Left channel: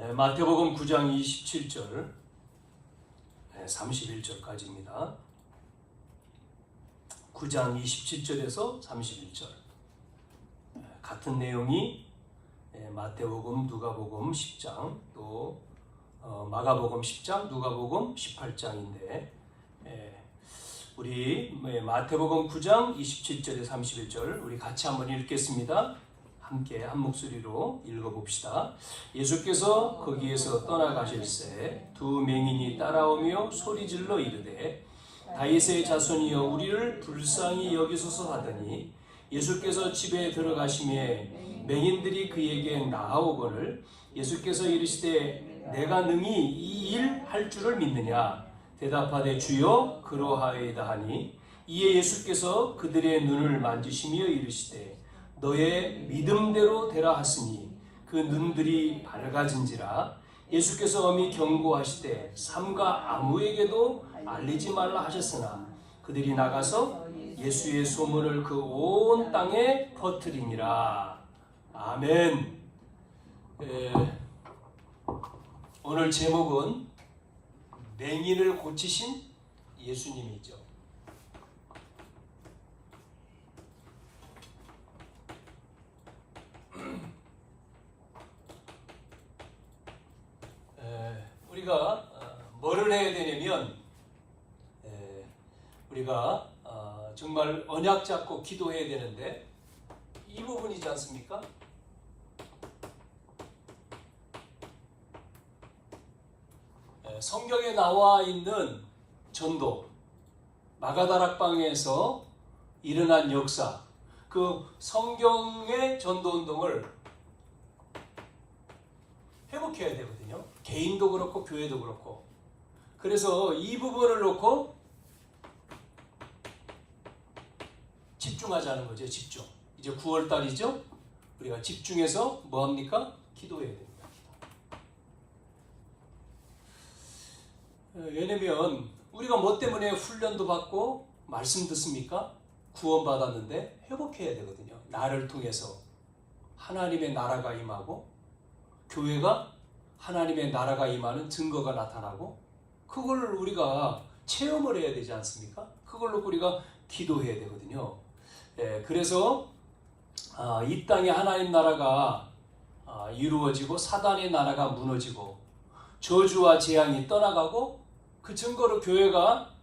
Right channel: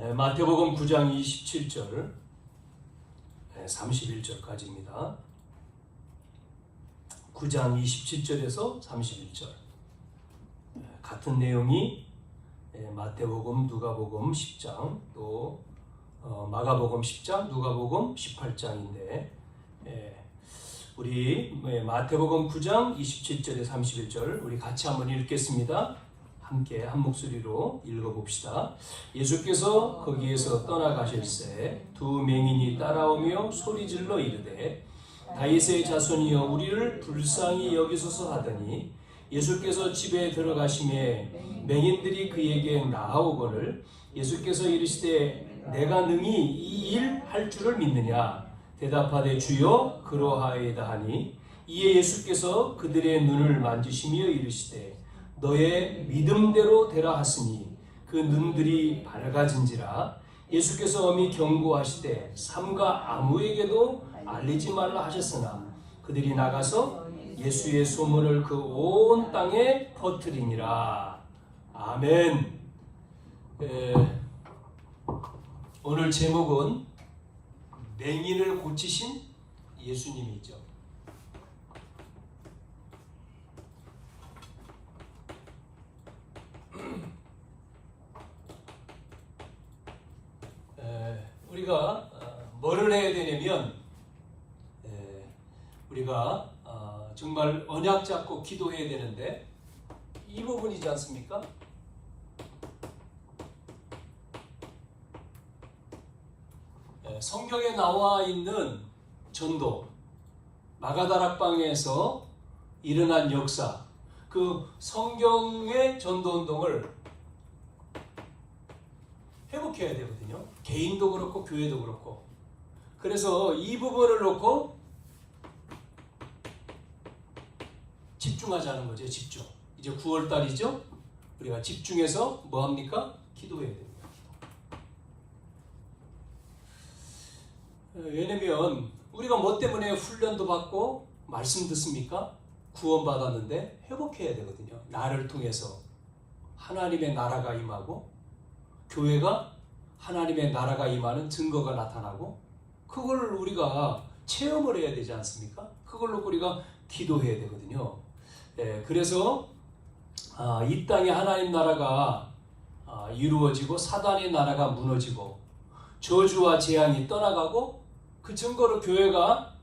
마태복음 9장 27절 31절까지입니다. 9장 27절에서 31절 같은 내용이 마태복음, 누가복음 10장 또 마가복음 10장, 누가복음 18장인데 우리 마태복음 9장 27절에 31절 우리 같이 한번 읽겠습니다. 함께 한 목소리로 읽어봅시다. 예수께서 거기에서 떠나가실새 두 맹인이 따라오며 소리질러 이르되 다윗의 자손이여 우리를 불쌍히 여기소서 하더니 예수께서 집에 들어가시매 맹인들이 그에게 나아오거늘 예수께서 이르시되 내가 능히 이 일 할 줄을 믿느냐 대답하되 주여 그러하이다 하니 이에 예수께서 그들의 눈을 만지시며 이르시되 너의 믿음대로 되라 하시니 그 눈들이 밝아진지라. 예수께서 엄히 경고하시되 삼가 아무에게도 알리지 말라 하셨으나 그들이 나가서 예수의 소문을 그 온 땅에 퍼뜨리니라. 아멘. 오늘 제목은 맹인을 고치신 예수님이죠. 우리가 뭐를 해야 되냐면 우리가 정말 언약 잡고 기도해야 되는데 이 부분이지 않습니까? 성경에 나와 있는 전도, 마가다락방에서 일어난 역사, 그 성경의 전도운동을 회복해야 되거든요. 개인도 그렇고 교회도 그렇고. 그래서 이 부분을 놓고 집중하자는 거죠. 집중. 이제 9월달이죠. 우리가 집중해서 뭐합니까? 기도해야 됩니다. 왜냐면 우리가 뭐 때문에 훈련도 받고 말씀 듣습니까? 구원받았는데 회복해야 되거든요. 나를 통해서 하나님의 나라가 임하고 교회가 하나님의 나라가 임하는 증거가 나타나고 그걸 우리가 체험을 해야 되지 않습니까? 그걸 놓고 우리가 기도해야 되거든요. 그래서 이 땅에 하나님 나라가 이루어지고 사단의 나라가 무너지고 저주와 재앙이 떠나가고 그 증거로 교회가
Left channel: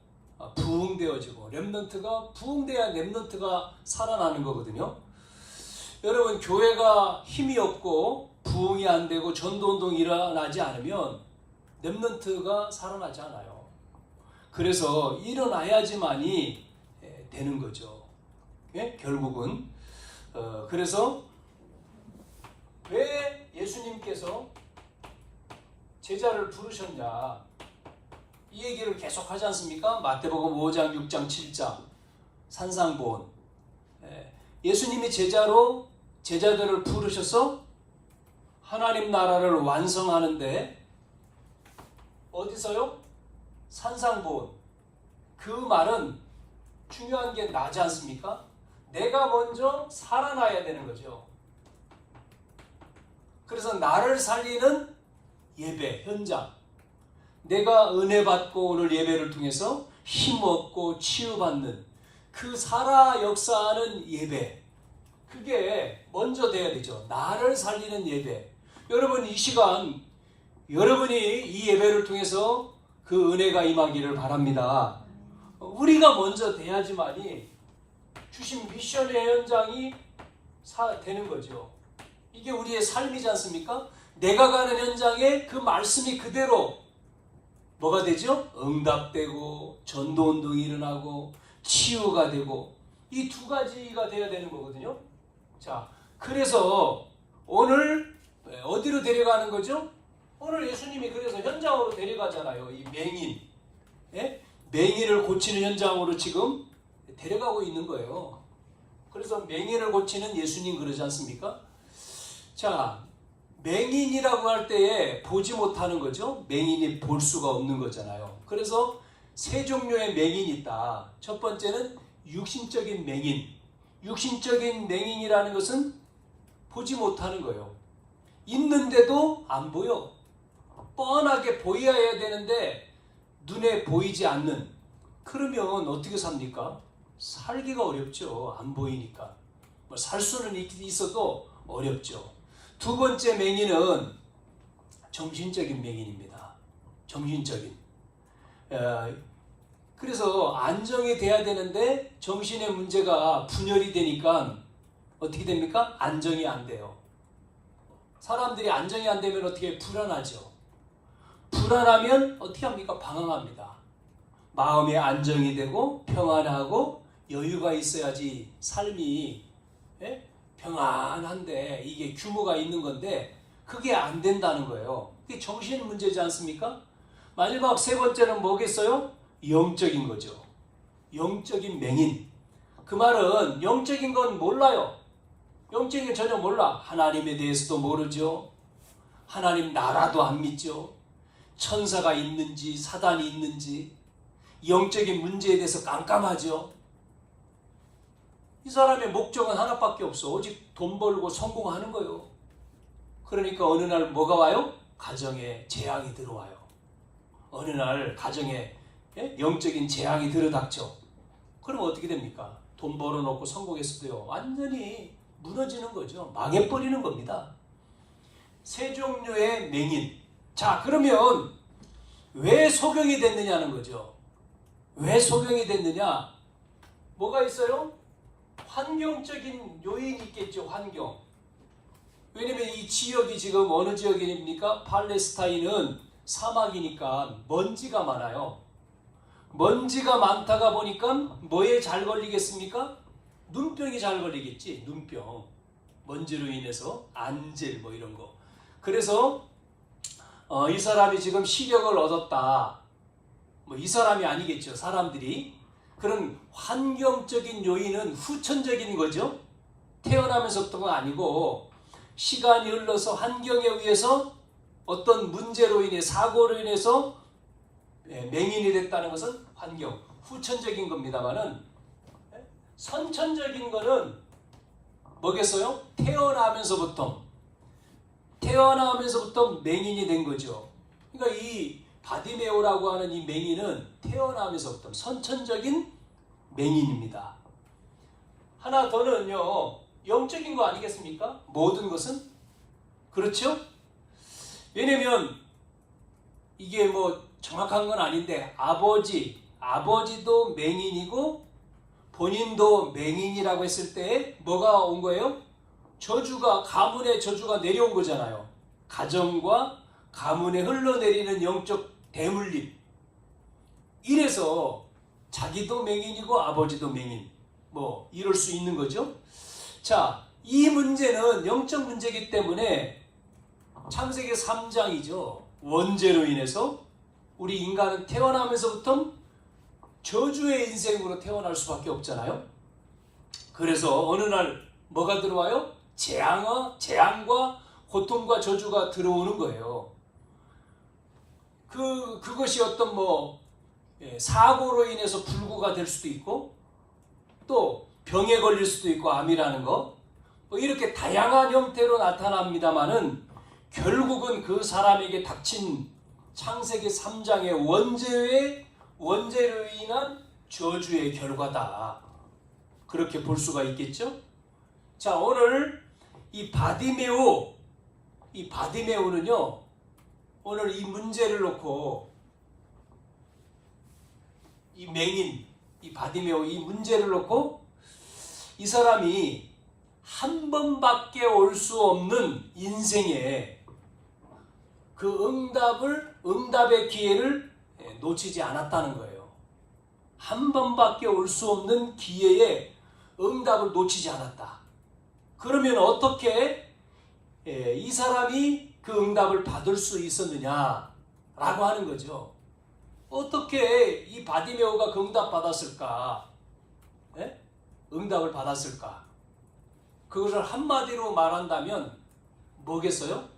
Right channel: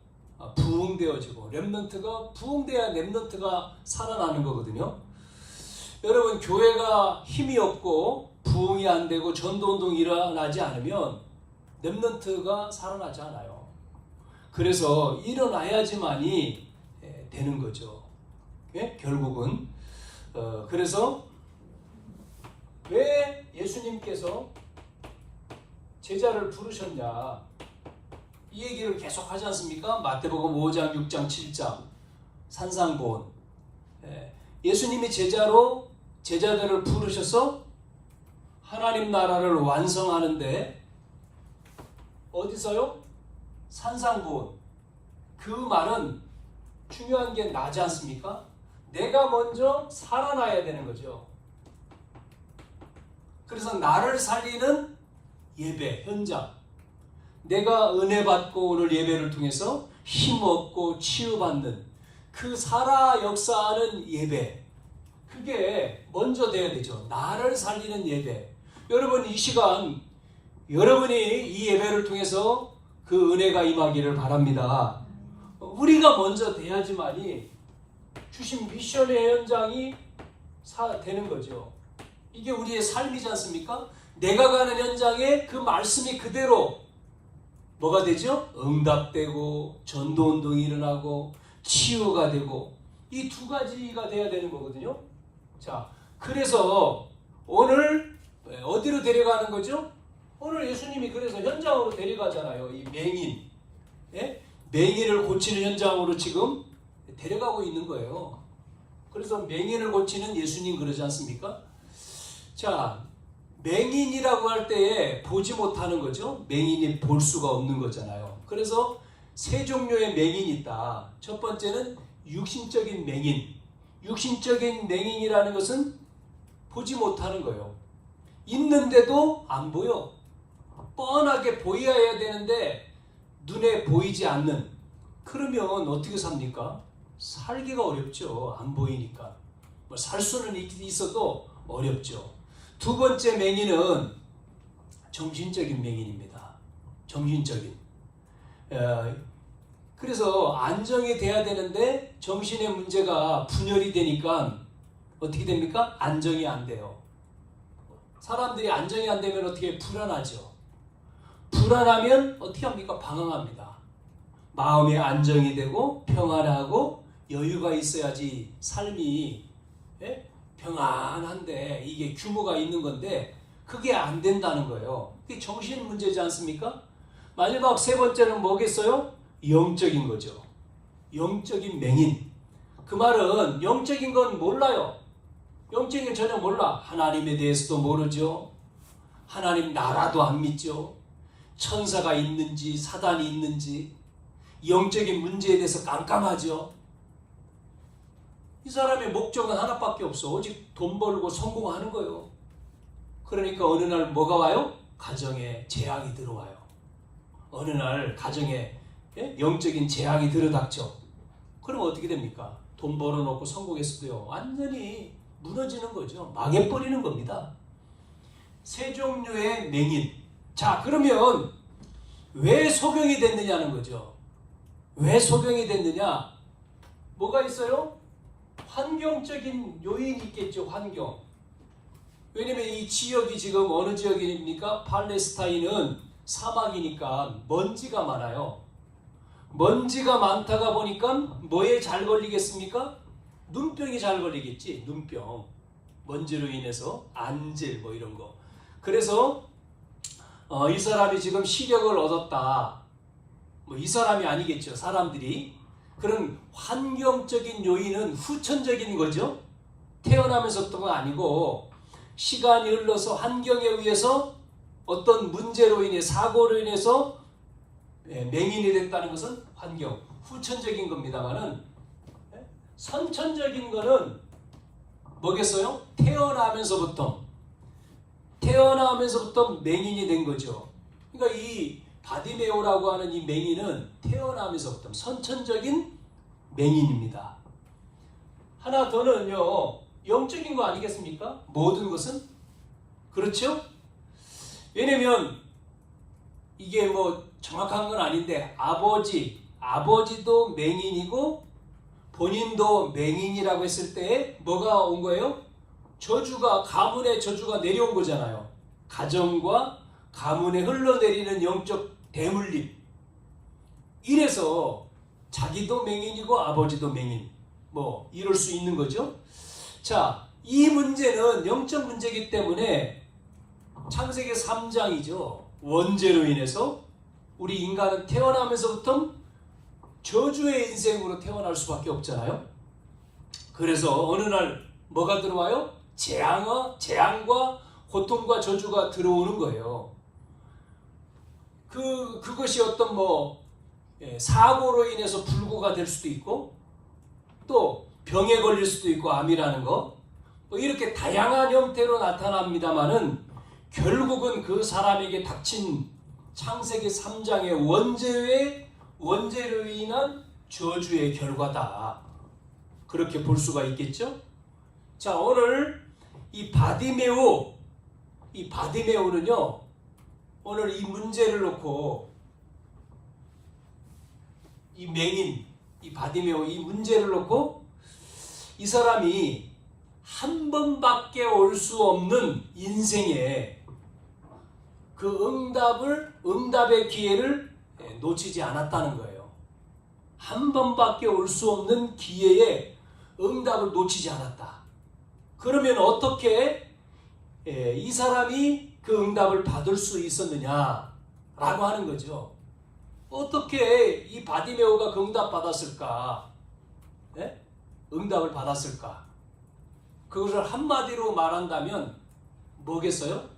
부흥되어지고 렘넌트가 부흥돼야 렘넌트가 살아나는 거거든요. 여러분 교회가 힘이 없고 부흥이 안 되고 전도운동이 일어나지 않으면 렘넌트가 살아나지 않아요. 그래서 일어나야지만이 되는 거죠. 결국은 그래서 왜 예수님께서 제자를 부르셨냐 이 얘기를 계속 하지 않습니까? 마태복음 5장, 6장, 7장 산상본 예수님이 제자들을 부르셔서 하나님 나라를 완성하는데 어디서요? 산상본. 그 말은 중요한 게 나지 않습니까? 내가 먼저 살아나야 되는 거죠. 그래서 나를 살리는 예배, 현장. 내가 은혜 받고 오늘 예배를 통해서 힘 얻고 치유받는 그 살아 역사하는 예배. 그게 먼저 돼야 되죠. 나를 살리는 예배. 여러분 이 시간 여러분이 이 예배를 통해서 그 은혜가 임하기를 바랍니다. 우리가 먼저 돼야지만이 주신 미션의 현장이 되는 거죠. 이게 우리의 삶이지 않습니까? 내가 가는 현장에 그 말씀이 그대로 뭐가 되죠? 응답되고 전도운동이 일어나고 치유가 되고 이 두 가지가 돼야 되는 거거든요. 자, 그래서 오늘 어디로 데려가는 거죠? 오늘 예수님이 그래서 현장으로 데려가잖아요. 이 맹인, 맹인을 고치는 현장으로 지금 데려가고 있는 거예요. 그래서 맹인을 고치는 예수님 그러지 않습니까? 자, 맹인이라고 할 때에 보지 못하는 거죠. 맹인이 볼 수가 없는 거잖아요. 그래서 세 종류의 맹인이 있다. 첫 번째는 육신적인 맹인. 육신적인 맹인이라는 것은 보지 못하는 거예요. 있는데도 안 보여. 뻔하게 보여야 되는데 눈에 보이지 않는, 그러면 어떻게 삽니까? 살기가 어렵죠. 안 보이니까. 뭐 살 수는 있어도 어렵죠. 두 번째 맹인은 정신적인 맹인입니다. 정신적인. 그래서 안정이 돼야 되는데 정신의 문제가 분열이 되니까 어떻게 됩니까? 안정이 안 돼요. 사람들이 안정이 안 되면 어떻게 불안하죠. 불안하면 어떻게 합니까? 방황합니다. 마음이 안정이 되고 평안하고 여유가 있어야지 삶이 평안한데 이게 규모가 있는 건데 그게 안 된다는 거예요. 그게 정신 문제지 않습니까? 마지막 세 번째는 뭐겠어요? 영적인 거죠. 영적인 맹인. 그 말은 영적인 건 몰라요. 영적인 건 전혀 몰라. 하나님에 대해서도 모르죠. 하나님 나라도 안 믿죠. 천사가 있는지 사단이 있는지 영적인 문제에 대해서 깜깜하죠. 이 사람의 목적은 하나밖에 없어. 오직 돈 벌고 성공하는 거예요. 그러니까 어느 날 뭐가 와요? 가정에 재앙이 들어와요. 어느 날 가정에 영적인 재앙이 들어닥쳐. 그럼 어떻게 됩니까? 돈 벌어놓고 성공했어도요. 완전히 무너지는 거죠. 망해버리는 겁니다. 세 종류의 맹인. 자, 그러면 왜 소경이 됐느냐는 거죠. 왜 소경이 됐느냐? 뭐가 있어요? 환경적인 요인이 있겠죠. 환경. 왜냐면 이 지역이 지금 어느 지역입니까? 팔레스타인은 사막이니까 먼지가 많아요. 먼지가 많다가 보니까 뭐에 잘 걸리겠습니까? 눈병이 잘 걸리겠지. 눈병. 먼지로 인해서 안질 뭐 이런 거. 그래서 이 사람이 지금 시력을 얻었다. 뭐 이 사람이 아니겠죠. 사람들이. 그런 환경적인 요인은 후천적인 거죠. 태어나면서부터가 아니고 시간이 흘러서 환경에 의해서 어떤 문제로 인해 사고로 인해서 맹인이 됐다는 것은 환경, 후천적인 겁니다만은 선천적인 거는 뭐겠어요? 태어나면서부터 맹인이 된 거죠. 그러니까 이 바디메오라고 하는 이 맹인은 태어나면서부터 선천적인 맹인입니다. 하나 더는요, 영적인 거 아니겠습니까? 모든 것은 그렇죠? 왜냐면 이게 뭐 정확한 건 아닌데 아버지도 맹인이고 본인도 맹인이라고 했을 때 뭐가 온 거예요? 가문의 저주가 내려온 거잖아요. 가정과 가문에 흘러내리는 영적 대물림. 이래서 자기도 맹인이고 아버지도 맹인. 뭐 이럴 수 있는 거죠. 자, 이 문제는 영적 문제이기 때문에 창세기 3장이죠. 원죄로 인해서 우리 인간은 태어나면서부터 저주의 인생으로 태어날 수밖에 없잖아요. 그래서 어느 날 뭐가 들어와요? 재앙과 고통과 저주가 들어오는 거예요. 그것이 어떤 사고로 인해서 불구가 될 수도 있고 또 병에 걸릴 수도 있고 암이라는 거 이렇게 다양한 형태로 나타납니다만은 결국은 그 사람에게 닥친 창세기 3장의 원죄로 인한 저주의 결과다. 그렇게 볼 수가 있겠죠? 자, 오늘 이 바디메오는요, 오늘 이 문제를 놓고 이 맹인, 이 바디메오 이 문제를 놓고 이 사람이 한 번밖에 올 수 없는 인생에 그 응답의 기회를 놓치지 않았다는 거예요. 한 번밖에 올 수 없는 기회에 응답을 놓치지 않았다. 그러면 어떻게 이 사람이 그 응답을 받을 수 있었느냐라고 하는 거죠. 어떻게 이 바디메오가 그 응답 받았을까? 응답을 받았을까? 그것을 한마디로 말한다면 뭐겠어요?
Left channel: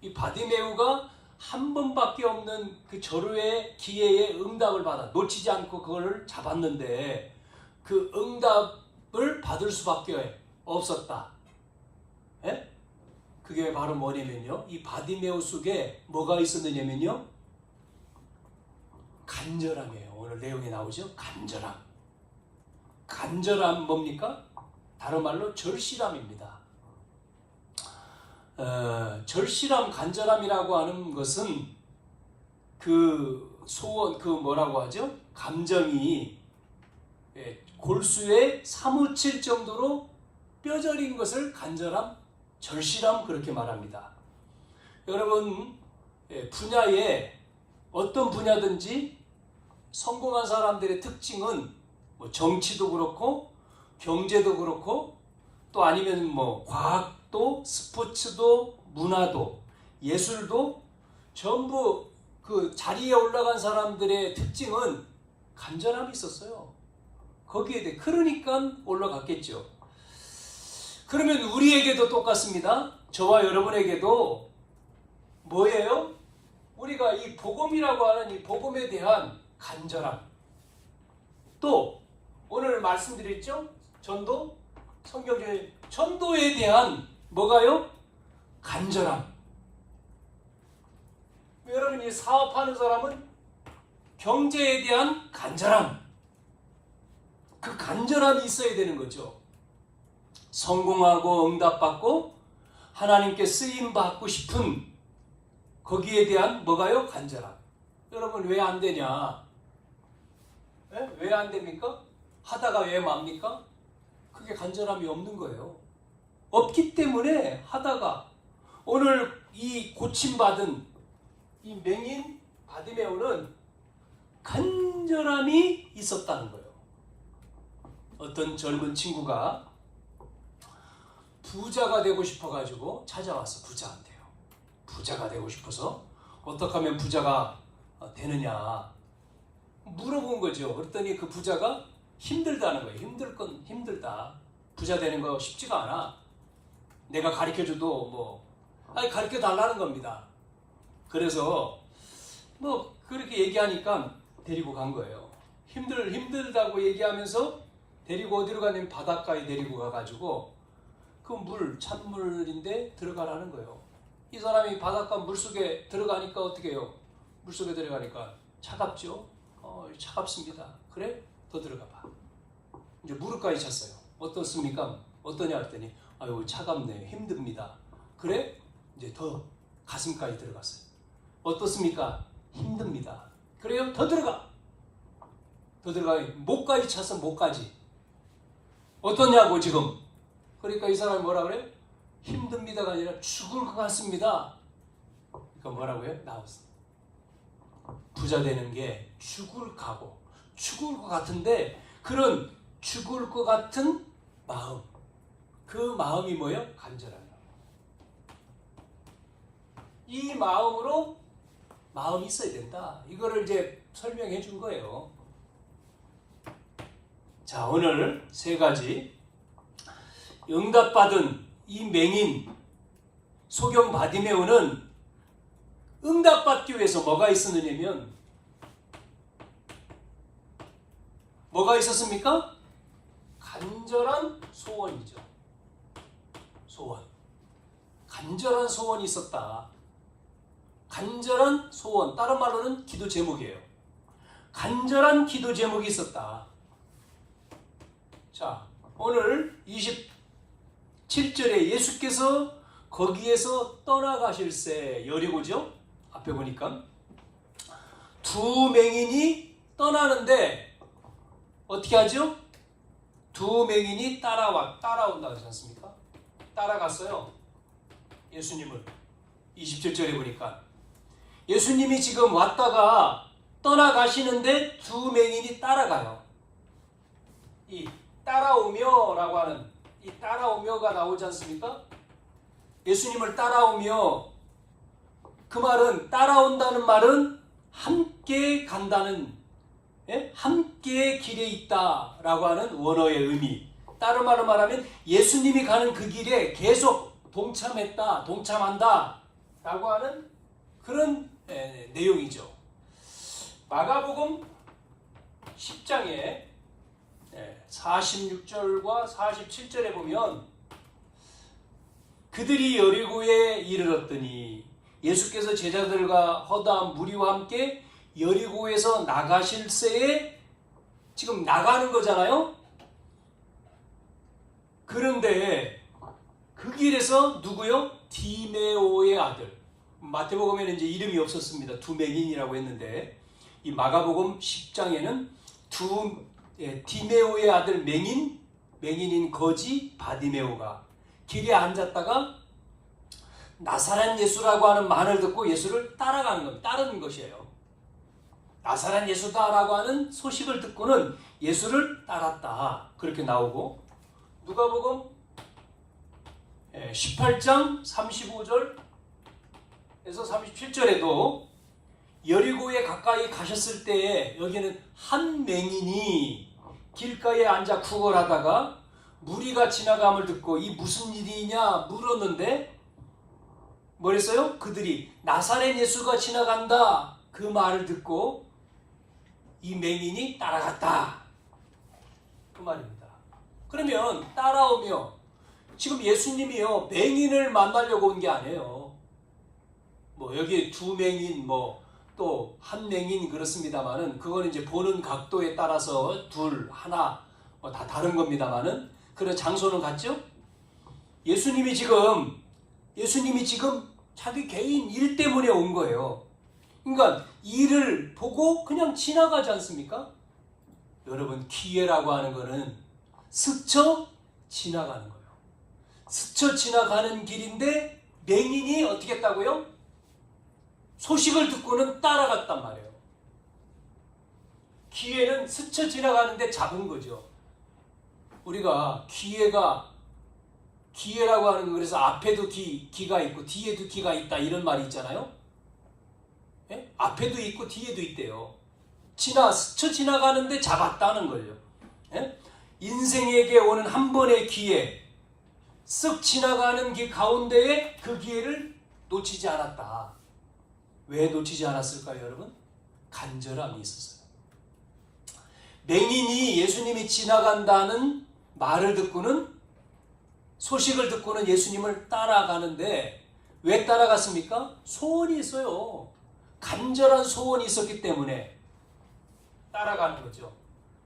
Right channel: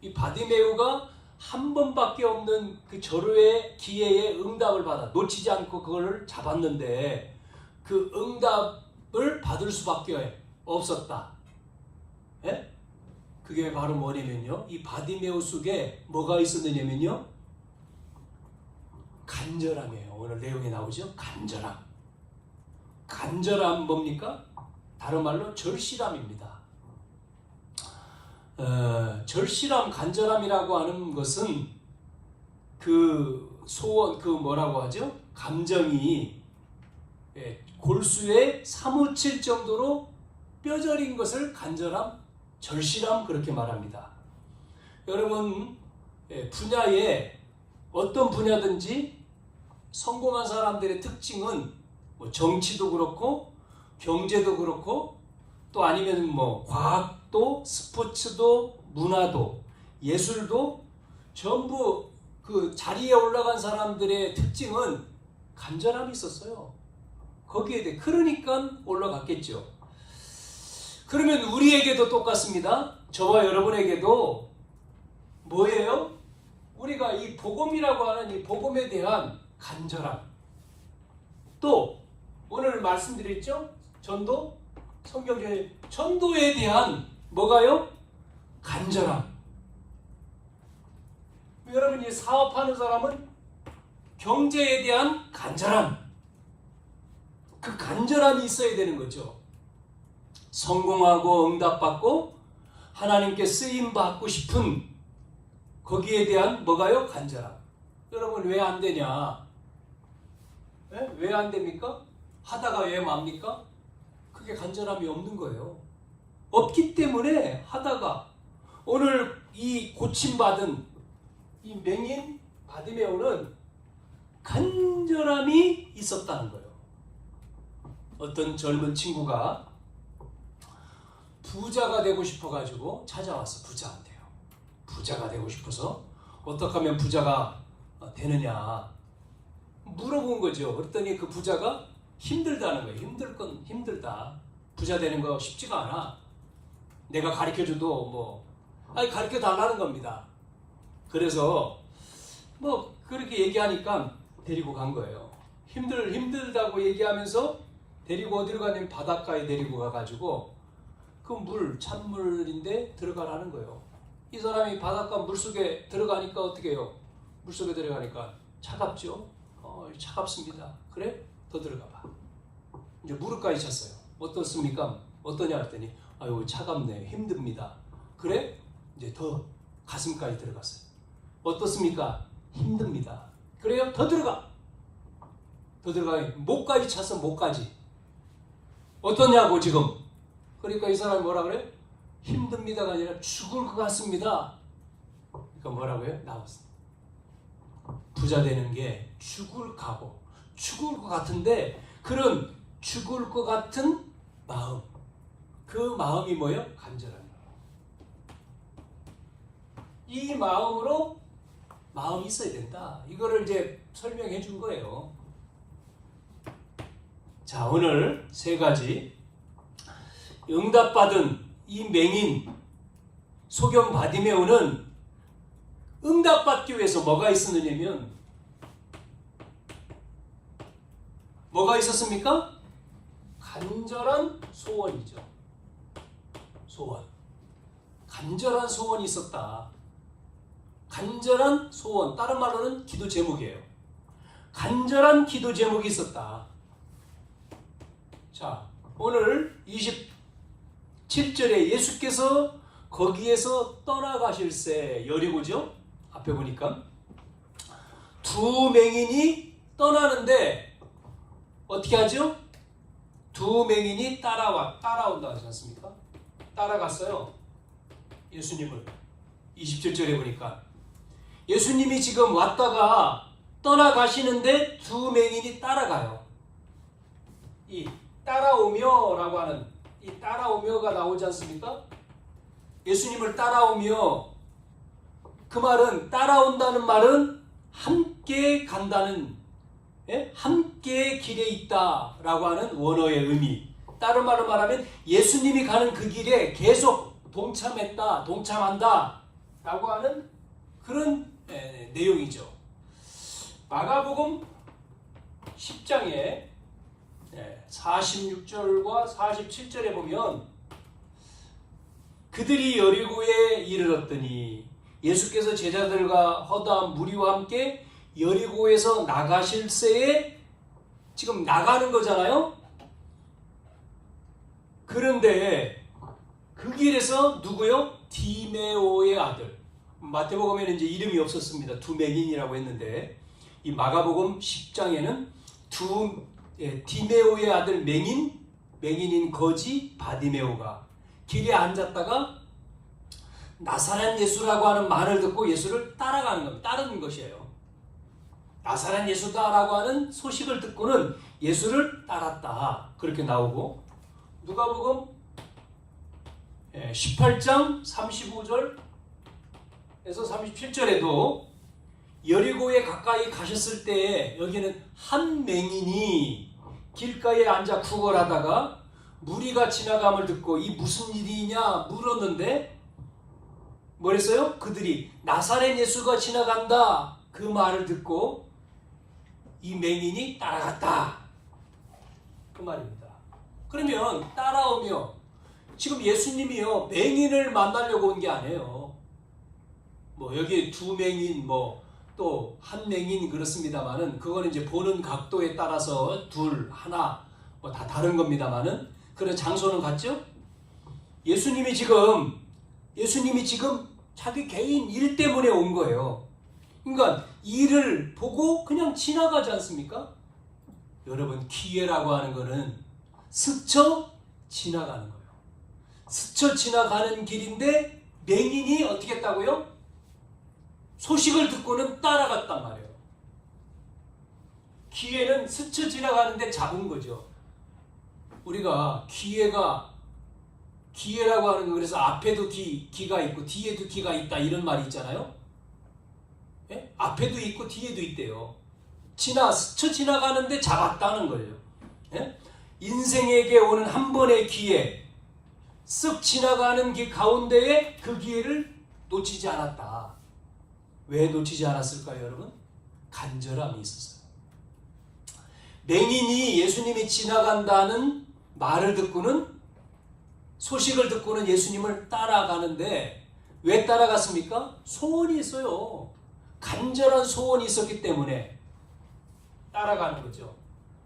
이 바디메오가 한 번밖에 없는 그 절호의 기회에 응답을 받아 놓치지 않고 그걸 잡았는데 그 응답을 받을 수밖에 없었다. 그게 바로 뭐냐면요. 이 바디메오 속에 뭐가 있었느냐면요. 간절함이에요. 오늘 내용에 나오죠. 간절함. 간절함 뭡니까? 다른 말로 절실함입니다. 절실함, 간절함이라고 하는 것은 그 소원, 그 뭐라고 하죠? 감정이 골수에 사무칠 정도로 뼈저린 것을 간절함, 절실함 그렇게 말합니다. 여러분 분야에 어떤 분야든지 성공한 사람들의 특징은 뭐 정치도 그렇고 경제도 그렇고 또 아니면 뭐 과학도 스포츠도 문화도 예술도 전부 그 자리에 올라간 사람들의 특징은 간절함이 있었어요. 거기에 대해 그러니까 올라갔겠죠. 그러면 우리에게도 똑같습니다. 저와 여러분에게도 뭐예요? 우리가 이 복음이라고 하는 이 복음에 대한 간절함, 또 오늘 말씀드렸죠? 전도, 성경적인 전도에 대한 뭐가요? 간절함. 여러분이 사업하는 사람은 경제에 대한 간절함, 그 간절함이 있어야 되는 거죠. 성공하고 응답받고 하나님께 쓰임받고 싶은 거기에 대한 뭐가요? 간절함. 여러분 왜 안 되냐? 왜 안 됩니까? 하다가 왜 맙니까? 그게 간절함이 없는 거예요. 없기 때문에 하다가 오늘 이 고침받은 이 맹인 바디메오는 간절함이 있었다는 거예요. 어떤 젊은 친구가 부자가 되고 싶어가지고 찾아와서 부자한테요. 부자가 되고 싶어서 어떻게 하면 부자가 되느냐 물어본 거죠. 그랬더니 그 부자가 힘들다는 거예요. 힘들 건 힘들다. 부자 되는 거 쉽지가 않아. 내가 가르쳐줘도 가르쳐 달라는 겁니다. 그래서 뭐 그렇게 얘기하니까 데리고 간 거예요. 힘들다고 얘기하면서 데리고 어디로 가냐면 바닷가에 데리고 가가지고 그 찬물인데 들어가라는 거예요. 이 사람이 바닷가 물속에 들어가니까 어떻게 해요? 물속에 들어가니까 차갑죠? 차갑습니다. 그래? 더 들어가 봐. 이제 무릎까지 찼어요. 어떻습니까? 어떠냐 했더니 아유 차갑네. 힘듭니다. 그래? 이제 더 가슴까지 들어갔어요. 어떻습니까? 힘듭니다. 그래요? 더 들어가. 더 들어가. 목까지 찼어. 목까지. 어떠냐고 지금. 그러니까 이 사람이 뭐라 그래? 힘듭니다가 아니라 죽을 것 같습니다. 그러니까 뭐라고요? 나왔어. 부자 되는 게 죽을 각오, 죽을 것 같은데 그런 죽을 것 같은 마음, 그 마음이 뭐예요? 간절함이에요. 이 마음으로 마음이 있어야 된다. 이거를 이제 설명해 준 거예요. 자, 오늘 세 가지 응답받은 이 맹인 소경 바디메오는 응답받기 위해서 뭐가 있었느냐면 뭐가 있었습니까? 간절한 소원이죠. 소원. 간절한 소원이 있었다. 간절한 소원. 다른 말로는 기도 제목이에요. 간절한 기도 제목이 있었다. 자, 오늘 27절에 예수께서 거기에서 떠나가실새 여리고죠. 앞에 보니까 두 맹인이 떠나는데 어떻게 하죠? 두 맹인이 따라온다 하지 않습니까? 따라갔어요. 예수님을. 27절에 보니까 예수님이 지금 왔다가 떠나가시는데 두 맹인이 따라가요. 이 따라오며라고 하는 이 따라오며가 나오지 않습니까? 예수님을 따라오며, 그 말은 따라온다는 말은 함께 간다는, 함께 길에 있다라고 하는 원어의 의미. 다른 말로 말하면 예수님이 가는 그 길에 계속 동참한다 라고 하는 그런 내용이죠. 마가복음 10장에 46절과 47절에 보면 그들이 여리고에 이르렀더니 예수께서 제자들과 허다한 무리와 함께 여리고에서 나가실새에 지금 나가는 거잖아요. 그런데 그 길에서 누구요? 디메오의 아들. 마태복음에는 이제 이름이 없었습니다. 두 맹인이라고 했는데 이 마가복음 10장에는 디메오의 아들 맹인인 거지 바디메오가 길에 앉았다가 나사렛 예수라고 하는 말을 듣고 예수를 따라가는 겁니다. 따르는 것이에요. 나사렛 예수다라고 하는 소식을 듣고는 예수를 따랐다. 그렇게 나오고 누가복음 18장 35절에서 37절에도 여리고에 가까이 가셨을 때에 여기는 한 맹인이 길가에 앉아 구걸하다가 무리가 지나감을 듣고 이 무슨 일이냐 물었는데 뭐랬어요? 그들이 나사렛 예수가 지나간다 그 말을 듣고 이 맹인이 따라갔다 그 말입니다. 그러면 따라오며 지금 예수님이요 맹인을 만나려고 온 게 아니에요. 뭐 여기 두 맹인 또 한 맹인 그렇습니다만은 그거는 이제 보는 각도에 따라서 둘 하나 다 다른 겁니다만은 그런 장소는 같죠? 예수님이 지금 자기 개인 일 때문에 온 거예요. 그러니까 일을 보고 그냥 지나가지 않습니까? 여러분 기회라고 하는 거는 스쳐 지나가는 거예요. 스쳐 지나가는 길인데 맹인이 어떻게 했다고요? 소식을 듣고는 따라갔단 말이에요. 기회는 스쳐 지나가는데 잡은 거죠. 우리가 기회라고 하는 거 그래서 앞에도 기가 있고 뒤에도 기가 있다 이런 말이 있잖아요. 예? 앞에도 있고 뒤에도 있대요. 스쳐 지나가는데 잡았다는 거예요. 예? 인생에게 오는 한 번의 기회 쓱 지나가는 길 가운데에 그 기회를 놓치지 않았다. 왜 놓치지 않았을까요, 여러분? 간절함이 있었어요. 맹인이 예수님이 지나간다는 말을 듣고는 소식을 듣고는 예수님을 따라가는데 왜 따라갔습니까? 소원이 있어요. 간절한 소원이 있었기 때문에 따라가는 거죠.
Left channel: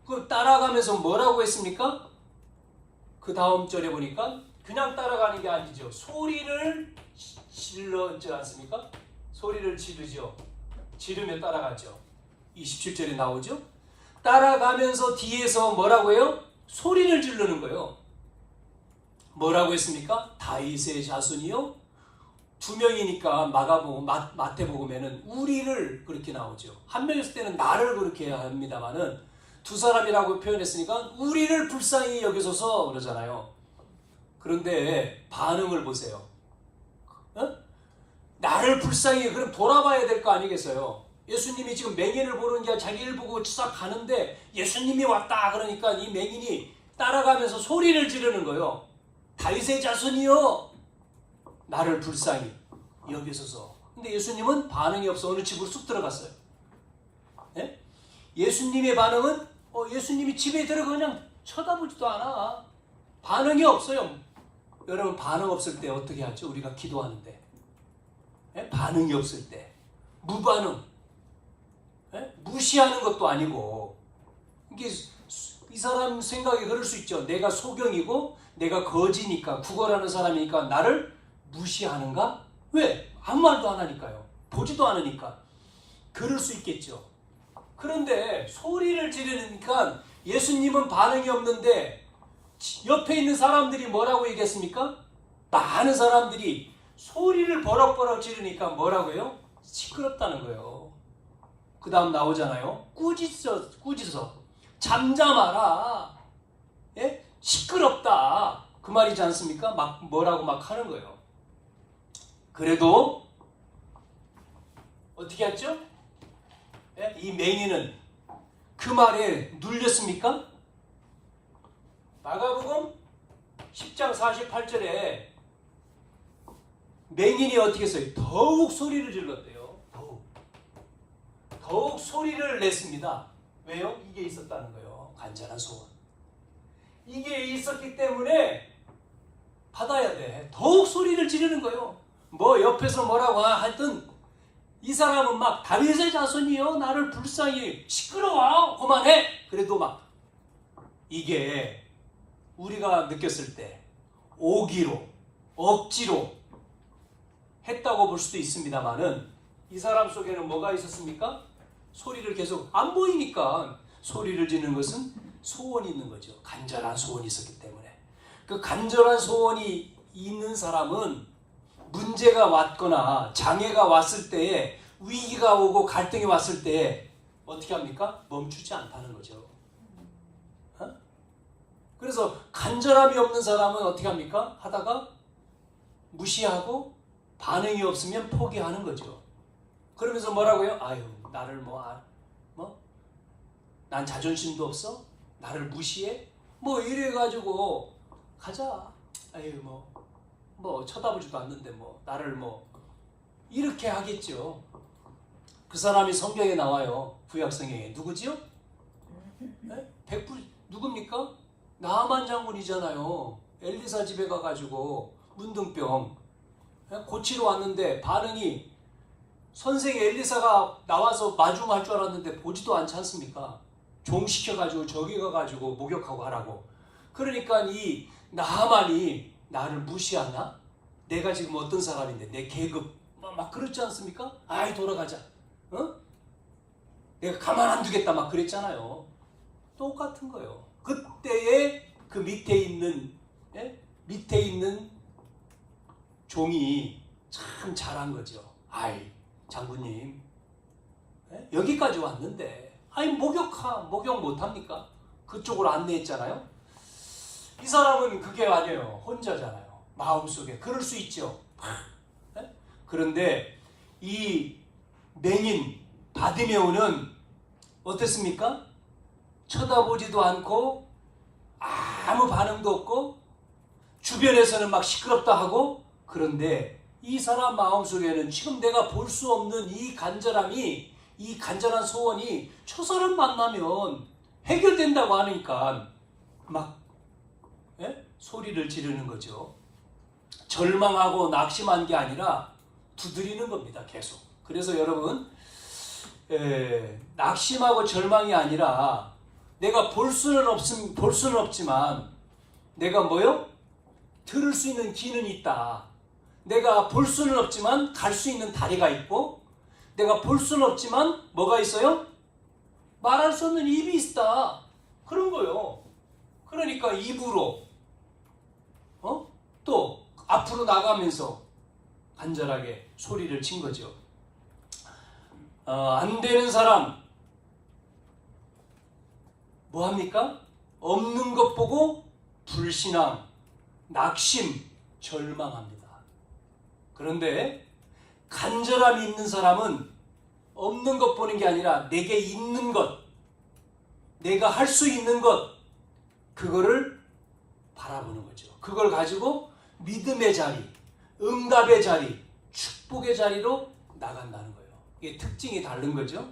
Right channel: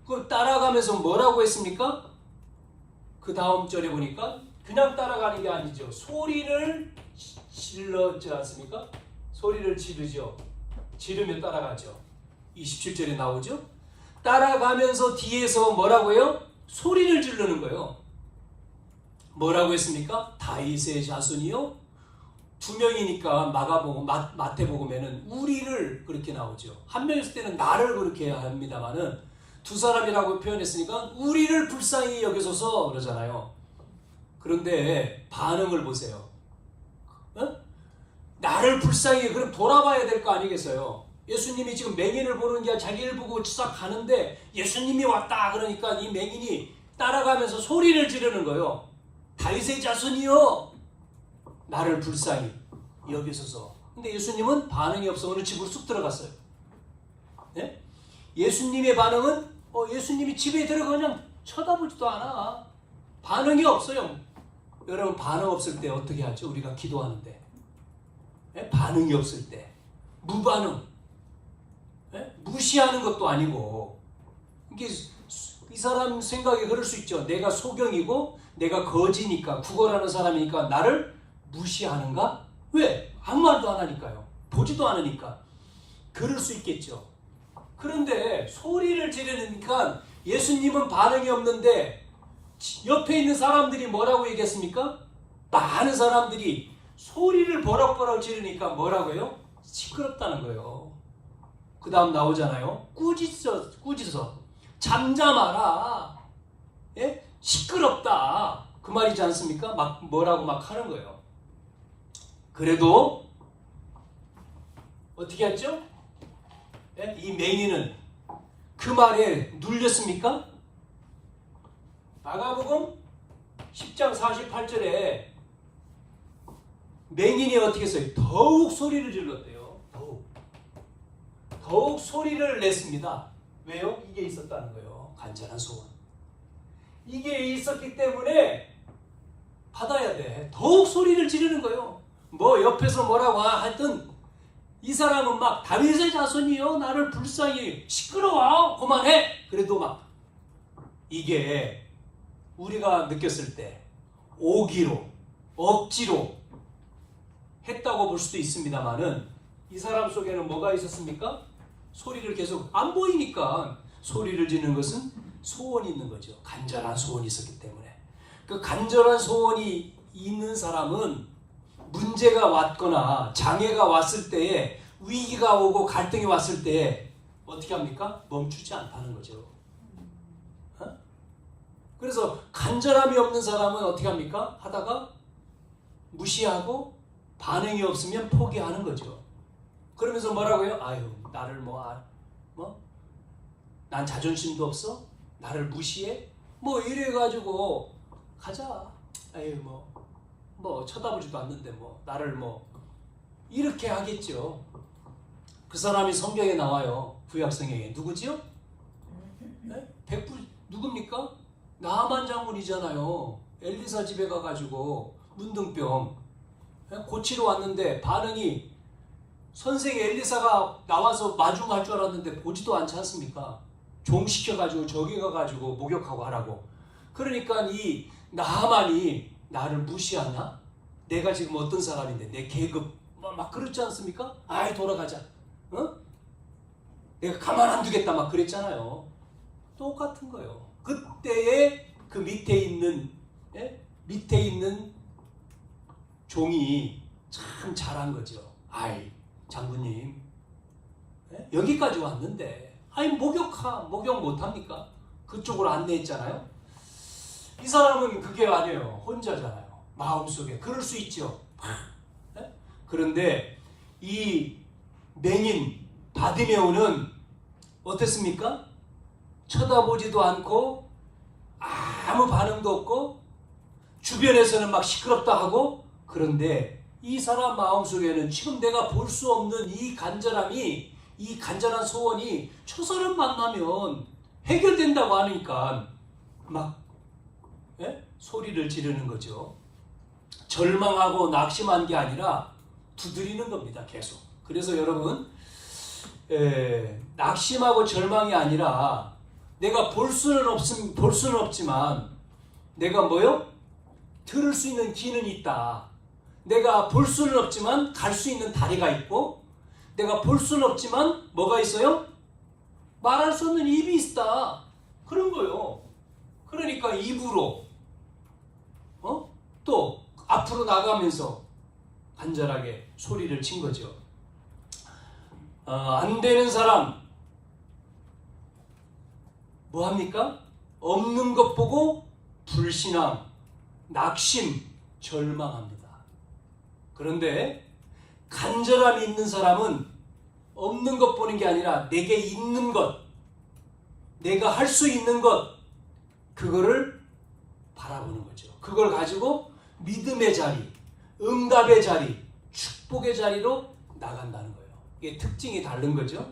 그럼 따라가면서 뭐라고 했습니까? 그 다음 절에 보니까 그냥 따라가는 게 아니죠. 소리를 질렀지 않습니까? 소리를 지르죠. 지르며 따라가죠. 27절에 나오죠. 따라가면서 뒤에서 뭐라고 해요? 소리를 지르는 거예요. 뭐라고 했습니까? 다윗의 자손이요. 두 명이니까 마태복음에는 우리를 그렇게 나오죠. 한 명일 때는 나를 그렇게 합니다만은 두 사람이라고 표현했으니까 우리를 불쌍히 여기소서 그러잖아요. 그런데 반응을 보세요. 나를 불쌍히 그럼 돌아봐야 될 거 아니겠어요? 예수님이 지금 맹인을 보는 게 자기를 보고 싹 가는데 예수님이 왔다 그러니까 이 맹인이 따라가면서 소리를 지르는 거예요. 다윗의 자손이여 나를 불쌍히 여기소서. 근데 예수님은 반응이 없어 어느 집으로 쑥 들어갔어요. 예? 예수님의 반응은 예수님이 집에 들어가 그냥 쳐다보지도 않아. 반응이 없어요. 여러분 반응 없을 때 어떻게 하죠? 우리가 기도하는데 예? 반응이 없을 때 무반응 예? 무시하는 것도 아니고 이게 이 사람 생각이 그럴 수 있죠. 내가 소경이고 내가 거지니까 구걸하는 사람이니까 나를 무시하는가? 왜? 아무 말도 안 하니까요. 보지도 않으니까. 그럴 수 있겠죠. 그런데 소리를 지르니까 예수님은 반응이 없는데 옆에 있는 사람들이 뭐라고 얘기했습니까? 많은 사람들이 소리를 버럭버럭 지르니까 뭐라고요? 시끄럽다는 거예요. 그 다음 나오잖아요. 꾸짖어. 잠잠하라. 예? 시끄럽다. 그 말이지 않습니까? 뭐라고 하는 거예요. 그래도 어떻게 했죠? 예? 이 맹인은 그 말에 눌렸습니까? 마가복음 10장 48절에 맹인이 어떻게 했어요? 더욱 소리를 질렀대요. 더욱 소리를 냈습니다. 왜요? 이게 있었다는 거예요. 간절한 소원. 이게 있었기 때문에 받아야 돼. 더욱 소리를 지르는 거예요. 뭐 옆에서 뭐라고 하여튼 이 사람은 막 다윗의 자손이요 나를 불쌍히 시끄러워 그만해. 그래도 막 이게 우리가 느꼈을 때 오기로 억지로 했다고 볼 수도 있습니다만은 이 사람 속에는 뭐가 있었습니까? 소리를 계속 안 보이니까 소리를 지르는 것은 소원이 있는 거죠. 간절한 소원이 있었기 때문에. 그 간절한 소원이 있는 사람은 문제가 왔거나 장애가 왔을 때에 위기가 오고 갈등이 왔을 때에 어떻게 합니까? 멈추지 않다는 거죠. 그래서 간절함이 없는 사람은 어떻게 합니까? 하다가 무시하고 반응이 없으면 포기하는 거죠. 그러면서 뭐라고요? 아유 나를 난 자존심도 없어? 나를 무시해? 뭐 이래가지고 가자. 아유 뭐 쳐다보지도 않는데 뭐 나를 뭐 이렇게 하겠죠. 그 사람이 성경에 나와요. 구약성경에 누구지요? 네? 누굽니까? 나아만 장군이잖아요. 엘리사 집에 가가지고 문둥병 고치러 왔는데 반응이 선생이 엘리사가 나와서 마중할 줄 알았는데 보지도 않지 않습니까? 종시켜가지고 저기 가가지고 목욕하고 하라고. 그러니까 이 나아만이 나를 무시하나? 내가 지금 어떤 사람인데 내 계급 막 그렇지 않습니까? 아이 돌아가자. 내가 가만 안 두겠다 막 그랬잖아요. 똑같은 거예요. 그때에 그 밑에 있는 종이 참 잘한 거죠. 아이 장군님 여기까지 왔는데 목욕 못합니까? 그쪽으로 안내했잖아요. 이 사람은 그게 아니에요. 혼자잖아요. 마음속에 그럴 수 있죠. 그런데 이 맹인 바디메오는 어땠습니까? 쳐다보지도 않고 아무 반응도 없고 주변에서는 막 시끄럽다 하고. 그런데 이 사람 마음속에는 지금 내가 볼 수 없는 이 간절함이, 이 간절한 소원이 저 사람 만나면 해결된다고 하니까 막 소리를 지르는 거죠. 절망하고 낙심한 게 아니라 두드리는 겁니다. 계속. 그래서 여러분 낙심하고 절망이 아니라 내가 볼 수는 없지만 내가 뭐요? 들을 수 있는 귀는 있다. 내가 볼 수는 없지만 갈 수 있는 다리가 있고, 내가 볼 수는 없지만 뭐가 있어요? 말할 수 없는 입이 있다. 그런 거요. 그러니까 입으로 또 앞으로 나가면서 간절하게 소리를 친 거죠. 안 되는 사람 뭐 합니까? 없는 것 보고 불신앙, 낙심, 절망합니다. 그런데 간절함이 있는 사람은 없는 것 보는 게 아니라 내게 있는 것, 내가 할 수 있는 것, 그거를 바라보는 거죠. 그걸 가지고 믿음의 자리, 응답의 자리, 축복의 자리로 나간다는 거예요. 이게 특징이 다른 거죠.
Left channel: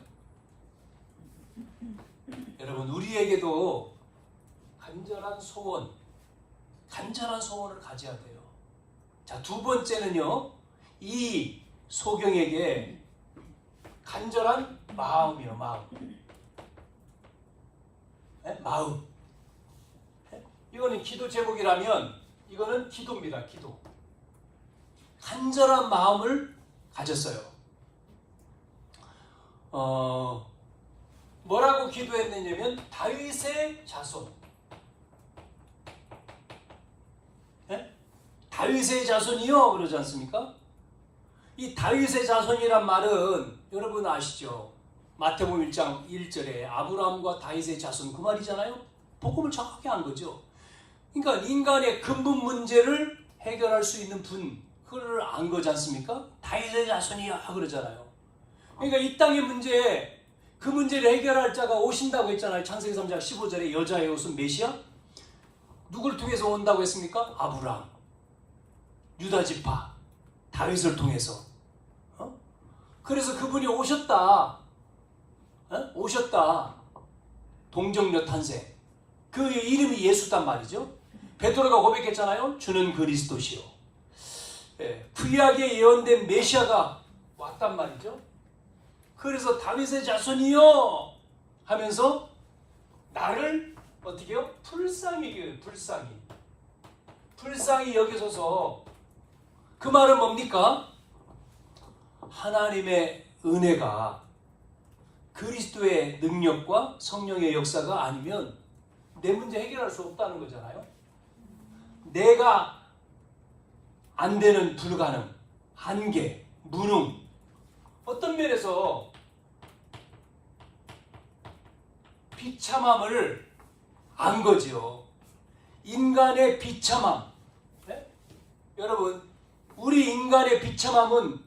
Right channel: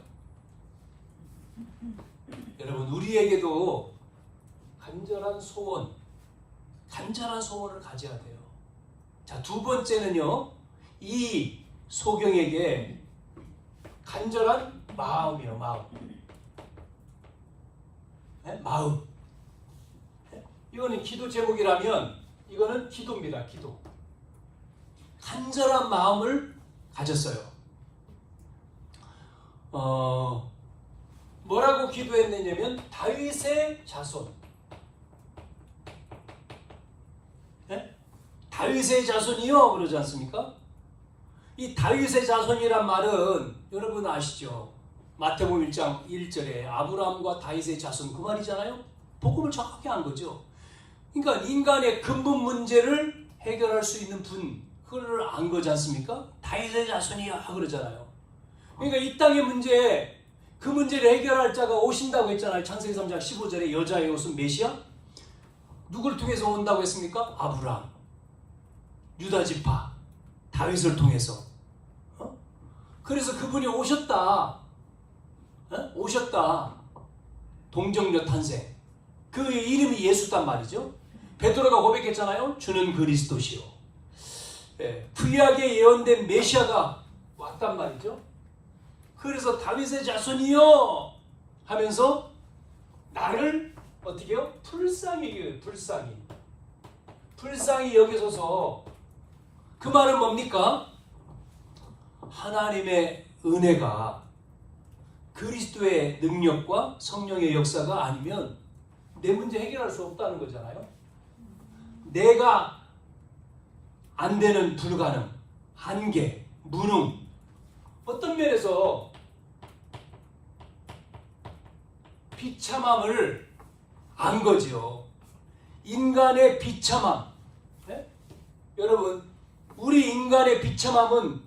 여러분, 우리에게도 간절한 소원을 가져야 돼요. 자, 두 번째는요, 이 소경에게 간절한 마음이요, 마음. 이거는 기도 제목이라면 이거는 기도입니다. 기도. 간절한 마음을 가졌어요. 뭐라고 기도했느냐면 다윗의 자손. 다윗의 자손이요 그러지 않습니까? 이 다윗의 자손이란 말은 여러분 아시죠? 마태복음 1장 1절에 아브라함과 다윗의 자손 그 말이잖아요. 복음을 정확히 한 거죠. 그러니까 인간의 근본 문제를 해결할 수 있는 분, 그걸 안 거지 않습니까? 다윗의 자손이야 그러잖아요. 그러니까 이 땅의 문제, 그 문제를 해결할 자가 오신다고 했잖아요. 창세기 3장 15절에 여자의 옷은 메시아? 누굴 통해서 온다고 했습니까? 아브라함, 유다 지파, 다윗을 통해서. 그래서 그분이 오셨다. 오셨다. 동정녀 탄생. 그 이름이 예수단 말이죠. 베드로가 고백했잖아요. 주는 그리스도시요. 구약에 예언된 메시아가 왔단 말이죠. 그래서 다윗의 자손이요 하면서 나를 어떻게 해요? 불쌍히 여겨요. 불쌍히 여기소서. 그 말은 뭡니까? 하나님의 은혜가 그리스도의 능력과 성령의 역사가 아니면 내 문제 해결할 수 없다는 거잖아요. 내가 안 되는 불가능, 한계, 무능, 어떤 면에서 비참함을 안 거지요. 인간의 비참함. 네? 여러분, 우리 인간의 비참함은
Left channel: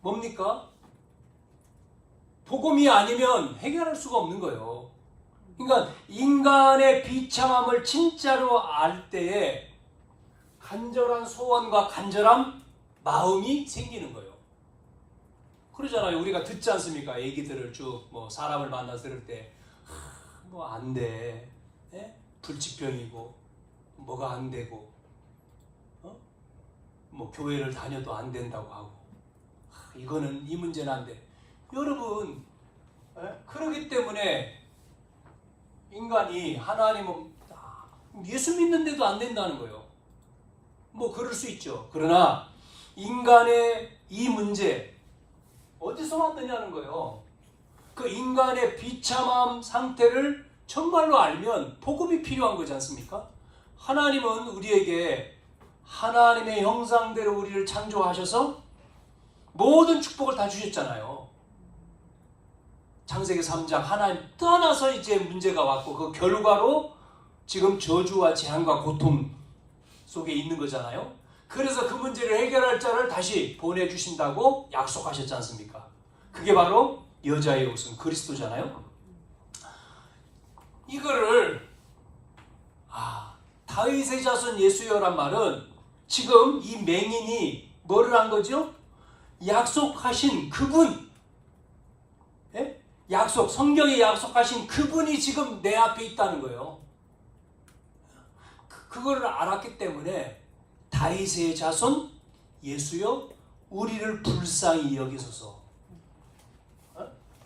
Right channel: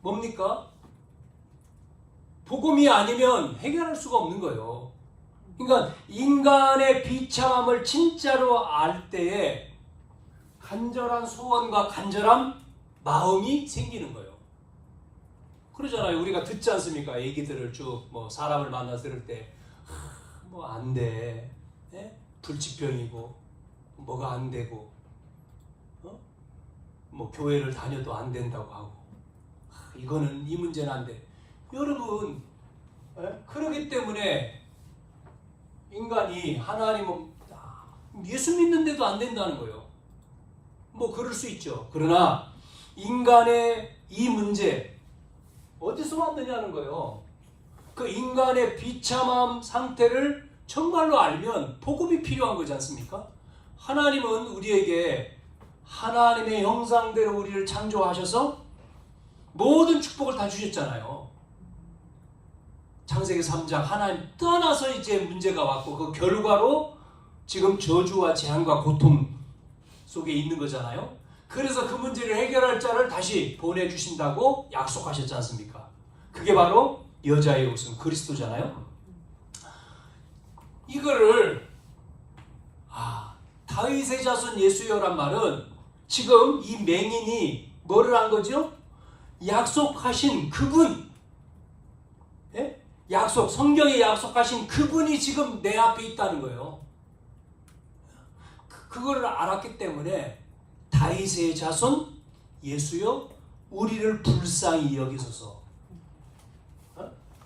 뭡니까? 복음이 아니면 해결할 수가 없는 거예요. 그러니까 인간의 비참함을 진짜로 알 때에 간절한 소원과 간절한 마음이 생기는 거예요. 그러잖아요. 우리가 듣지 않습니까? 얘기들을 쭉 뭐 사람을 만나서 들을 때 뭐 안 돼. 예? 불치병이고 뭐가 안 되고 뭐 교회를 다녀도 안 된다고 하고 이거는 이 문제는 안 돼. 여러분 그러기 때문에 인간이 하나님을 예수 믿는데도 안 된다는 거예요. 뭐 그럴 수 있죠. 그러나 인간의 이 문제 어디서 왔느냐는 거예요. 그 인간의 비참함 상태를 정말로 알면 복음이 필요한 거지 않습니까? 하나님은 우리에게 하나님의 형상대로 우리를 창조하셔서 모든 축복을 다 주셨잖아요. 창세기 3장 하나님 떠나서 이제 문제가 왔고 그 결과로 지금 저주와 재앙과 고통 속에 있는 거잖아요. 그래서 그 문제를 해결할 자를 다시 보내주신다고 약속하셨지 않습니까? 그게 바로 여자의 옷은 그리스도잖아요. 이거를 다윗의 자손 예수여란 말은 지금 이 맹인이 뭐를 한 거죠? 약속하신 그분, 성경에 약속하신 그분이 지금 내 앞에 있다는 거예요. 그거를 알았기 때문에 다윗의 자손 예수여 우리를 불쌍히 여기소서.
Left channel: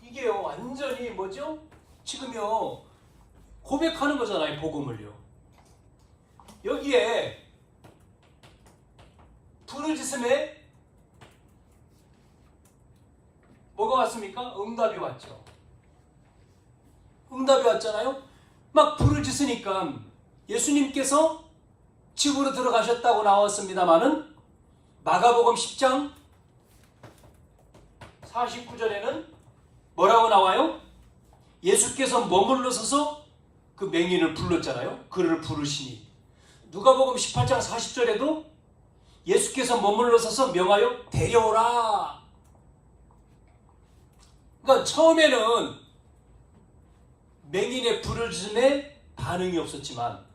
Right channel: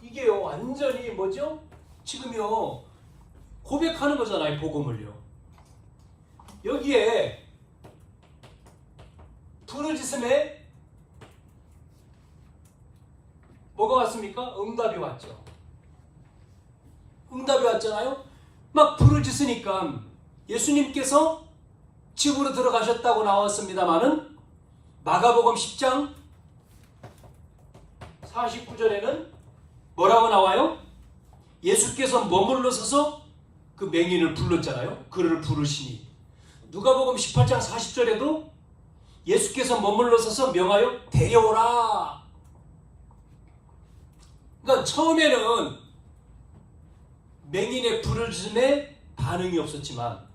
이게요 완전히 뭐죠? 지금요 고백하는 거잖아요. 복음을요. 여기에 부르짖음에 뭐가 왔습니까? 응답이 왔죠. 응답이 왔잖아요. 막 부르짖으니까 예수님께서 집으로 들어가셨다고 나왔습니다마는 마가복음 10장 49절에는 뭐라고 나와요? 예수께서 머물러 서서 그 맹인을 불렀잖아요. 그를 부르시니. 누가복음 18장 40절에도 예수께서 머물러 서서 명하여 데려오라. 그러니까 처음에는 맹인의 부르짖음에 반응이 없었지만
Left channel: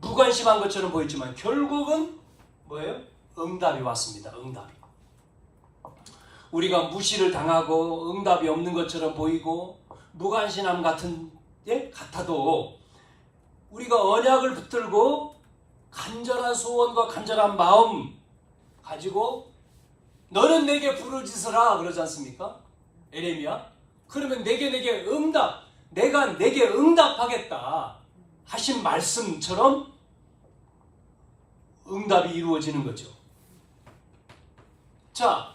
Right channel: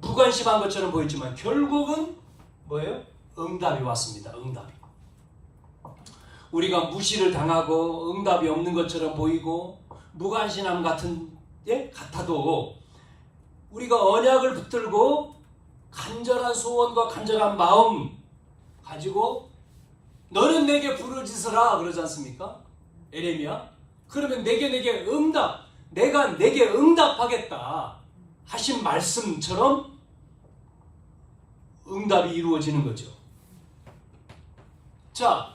무관심한 것처럼 보였지만 결국은 뭐예요? 응답이 왔습니다. 응답이. 우리가 무시를 당하고 응답이 없는 것처럼 보이고 무관심함 같아도 우리가 언약을 붙들고 간절한 소원과 간절한 마음 가지고 너는 내게 부르짖으라 그러지 않습니까? 에레미야. 그러면 내게 응답, 내가 내게 응답하겠다 하신 말씀처럼 응답이 이루어지는 거죠. 자,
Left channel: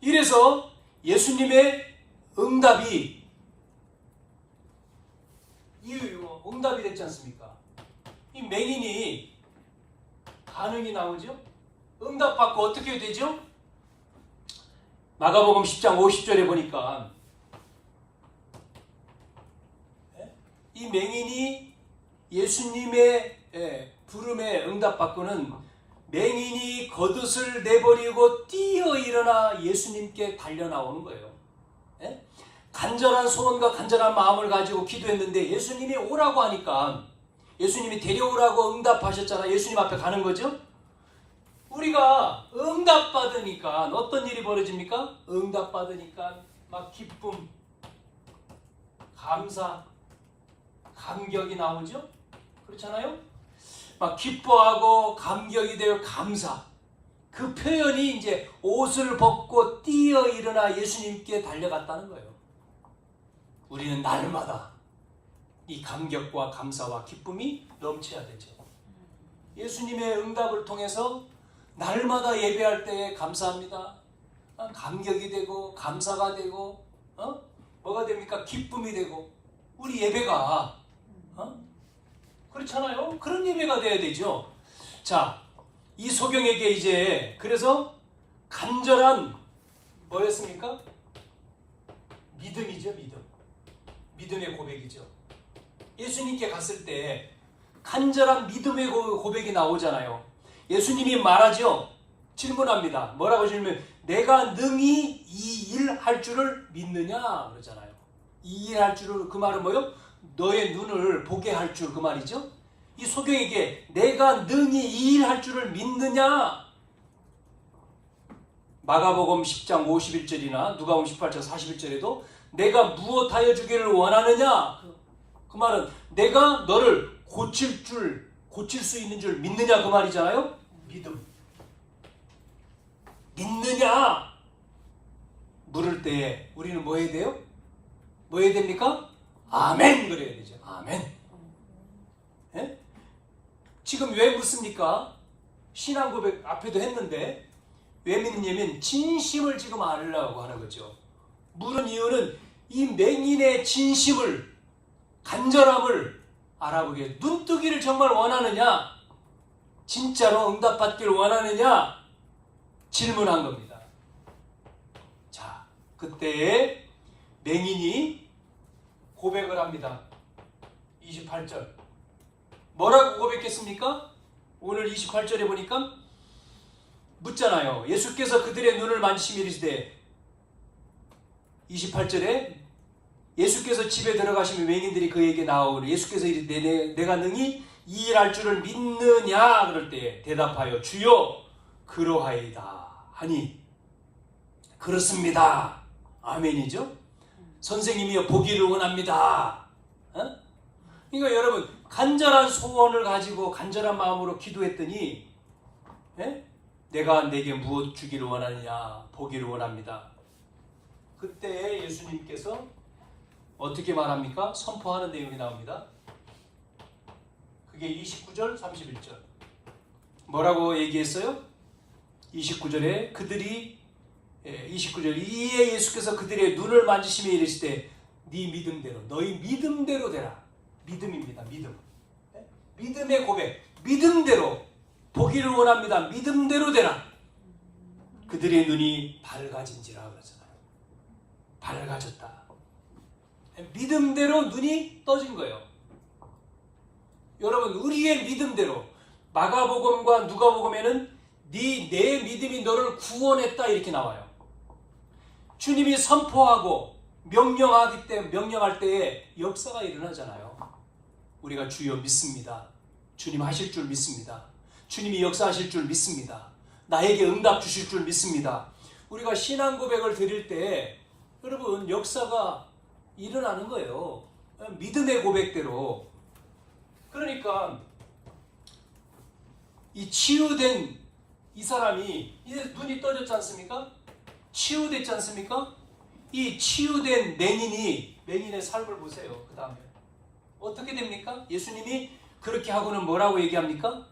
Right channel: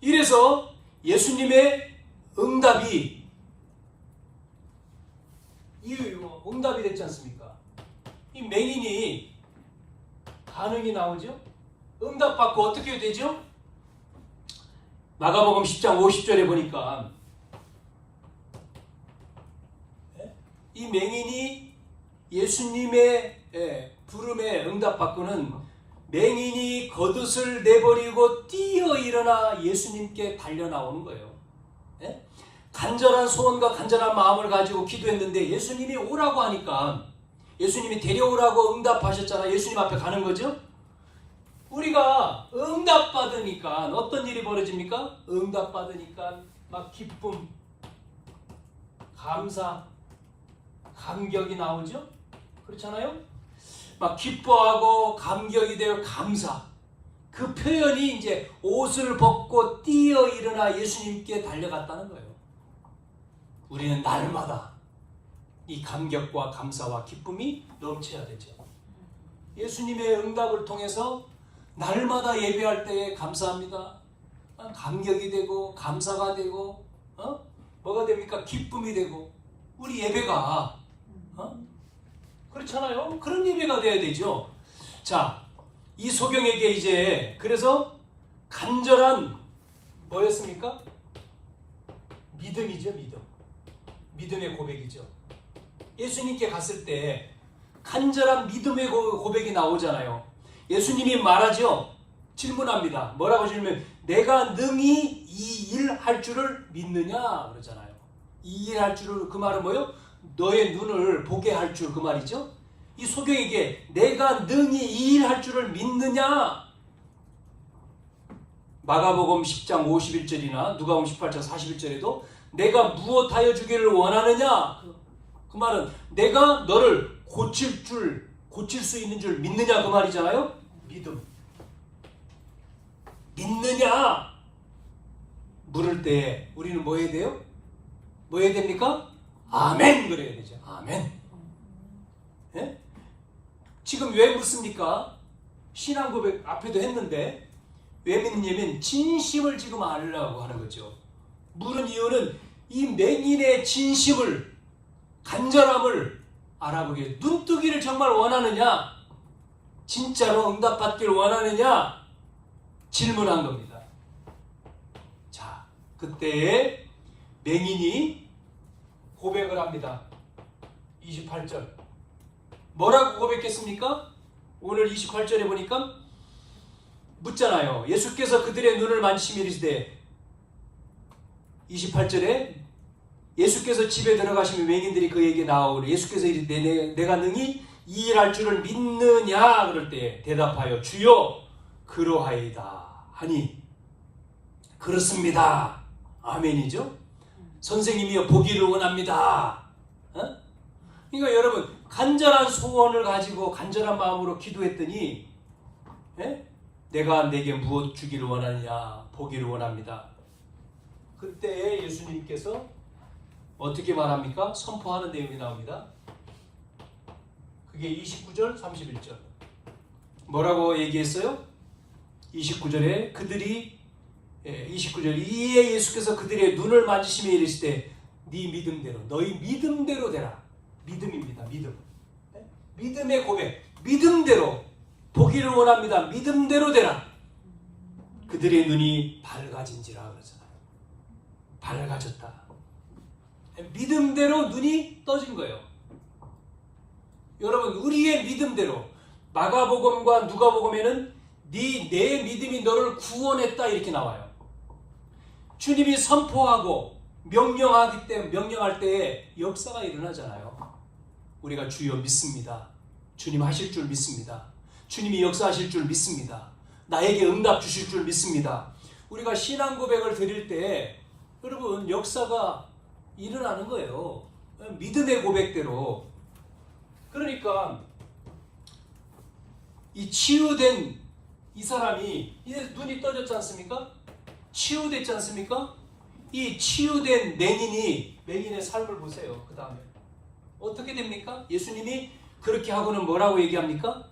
이래서 예수님의 응답이 응답이 됐지 않습니까? 이 맹인이 반응이 나오죠? 응답받고 어떻게 되죠? 마가복음 10장 50절에 보니까 이 맹인이 예수님의 부름에 응답받고는 맹인이 겉옷을 내버리고 뛰어 일어나 예수님께 달려 나오는 거예요. 간절한 소원과 간절한 마음을 가지고 기도했는데 예수님이 오라고 하니까 예수님이 데려오라고 응답하셨잖아요. 예수님 앞에 가는 거죠. 우리가 응답받으니까 어떤 일이 벌어집니까? 응답받으니까 막 기쁨, 감사, 감격이 나오죠. 그렇잖아요. 막 기뻐하고 감격이 되어 감사. 그 표현이 이제 옷을 벗고 뛰어 일어나 예수님께 달려갔다는 거예요. 우리는 날마다 이 감격과 감사와 기쁨이 넘쳐야 되죠. 예수님의 응답을 통해서 날마다 예배할 때에 감사합니다. 감격이 되고 감사가 되고 뭐가 됩니까? 기쁨이 되고 우리 예배가 그렇잖아요. 그런 예배가 돼야 되죠. 자, 이 소경에게 이제 그래서 간절한 뭐였습니까? 믿음이죠. 믿음의 고백이죠. 예수님께 갔을 때 간절한 믿음의 고백이 나오잖아요. 예수님이 말하죠. 질문합니다. 뭐라고 질문하면 내가 능히 이 일 할 줄을 믿느냐 그러잖아요. 이 일 할 줄을, 그 말은 뭐요? 너의 눈을 보게 할 줄, 그 말이죠. 이 소경에게 내가 능히 이 일 할 줄을 믿느냐. 마가복음 10장 51절이나 누가복음 18장 41절에도 내가 무엇하여 주기를 원하느냐. 그 말은 내가 너를 고칠 수 있는 줄 믿느냐 그 말이잖아요. 믿음. 믿느냐 물을 때 우리는 뭐 해야 돼요? 뭐 해야 됩니까? 아멘 그래야 되죠. 아멘. 예? 지금 왜 묻습니까? 신앙 고백 앞에도 했는데 왜 믿느냐면 진심을 지금 알으려고 하는 거죠. 물은 이유는 이 맹인의 진심을, 간절함을 알아보게. 눈뜨기를 정말 원하느냐? 진짜로 응답받기를 원하느냐? 질문한 겁니다. 자, 그때에 맹인이 고백을 합니다. 28절. 뭐라고 고백했습니까? 오늘 28절에 보니까 묻잖아요. 예수께서 그들의 눈을 만지시며 이르시되 28절에 예수께서 집에 들어가시면 맹인들이 그에게 나오니 예수께서 이르되 내가 능히 이 일 할 줄을 믿느냐 그럴 때 대답하여 주여 그러하이다 하니 그렇습니다. 아멘이죠. 선생님이여 보기를 원합니다. 그러니까 여러분 간절한 소원을 가지고 간절한 마음으로 기도했더니 내가 내게 무엇 주기를 원하느냐 보기를 원합니다. 그때 예수님께서 어떻게 말합니까? 선포하는 내용이 나옵니다. 그게 29절 31절 뭐라고 얘기했어요? 29절에 그들이 29절 이에 예수께서 그들의 눈을 만지시며 이르시되 네 믿음대로 너희 믿음대로 되라. 믿음입니다. 믿음. 믿음의 고백. 믿음대로 보기를 원합니다. 믿음대로 되라. 그들의 눈이 밝아진지라 그러잖아요. 밝아졌다. 믿음대로 눈이 떠진 거예요. 여러분 우리의 믿음대로 마가복음과 누가복음에는 내 믿음이 너를 구원했다 이렇게 나와요. 주님이 선포하고 명령할 때에 역사가 일어나잖아요. 우리가 주여 믿습니다. 주님 하실 줄 믿습니다. 주님이 역사하실 줄 믿습니다. 나에게 응답 주실 줄 믿습니다. 우리가 신앙 고백을 드릴 때 여러분 역사가 일어나는 거예요. 믿음의 고백대로. 그러니까 이 치유된 이 사람이 이제 눈이 떠졌지 않습니까? 치유됐지 않습니까? 이 치유된 맹인의 삶을 보세요. 그 다음에 어떻게 됩니까? 예수님이 그렇게 하고는 뭐라고 얘기합니까?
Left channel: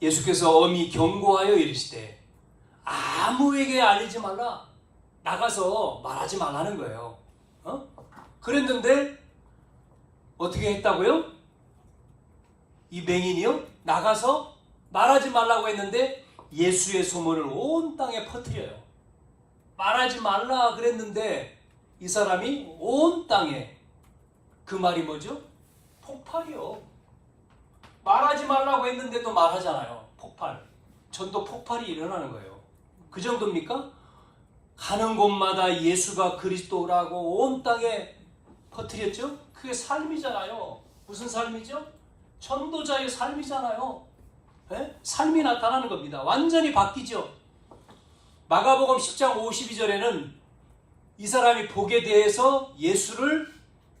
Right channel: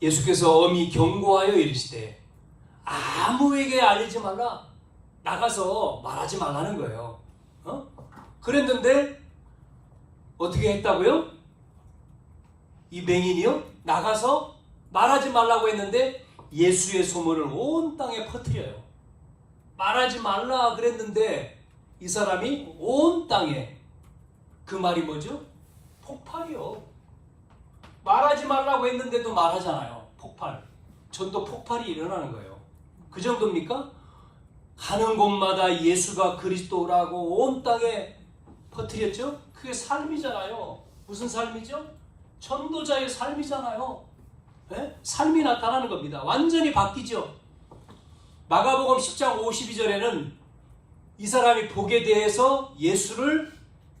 예수께서 엄히 경고하여 이르시되 아무에게 알리지 말라. 나가서 말하지 말라는 거예요. 그랬는데 어떻게 했다고요? 이 맹인이요? 나가서 말하지 말라고 했는데 예수의 소문을 온 땅에 퍼뜨려요. 말하지 말라 그랬는데 이 사람이 온 땅에 그 말이 뭐죠? 폭발이요. 말하지 말라고 했는데도 말하잖아요. 폭발. 전도 폭발이 일어나는 거예요. 그 정도입니까? 가는 곳마다 예수가 그리스도라고 온 땅에 퍼뜨렸죠? 그게 삶이잖아요. 무슨 삶이죠? 전도자의 삶이잖아요. 네? 삶이 나타나는 겁니다. 완전히 바뀌죠. 마가복음 10장 52절에는 이 사람이 복에 대해서 예수를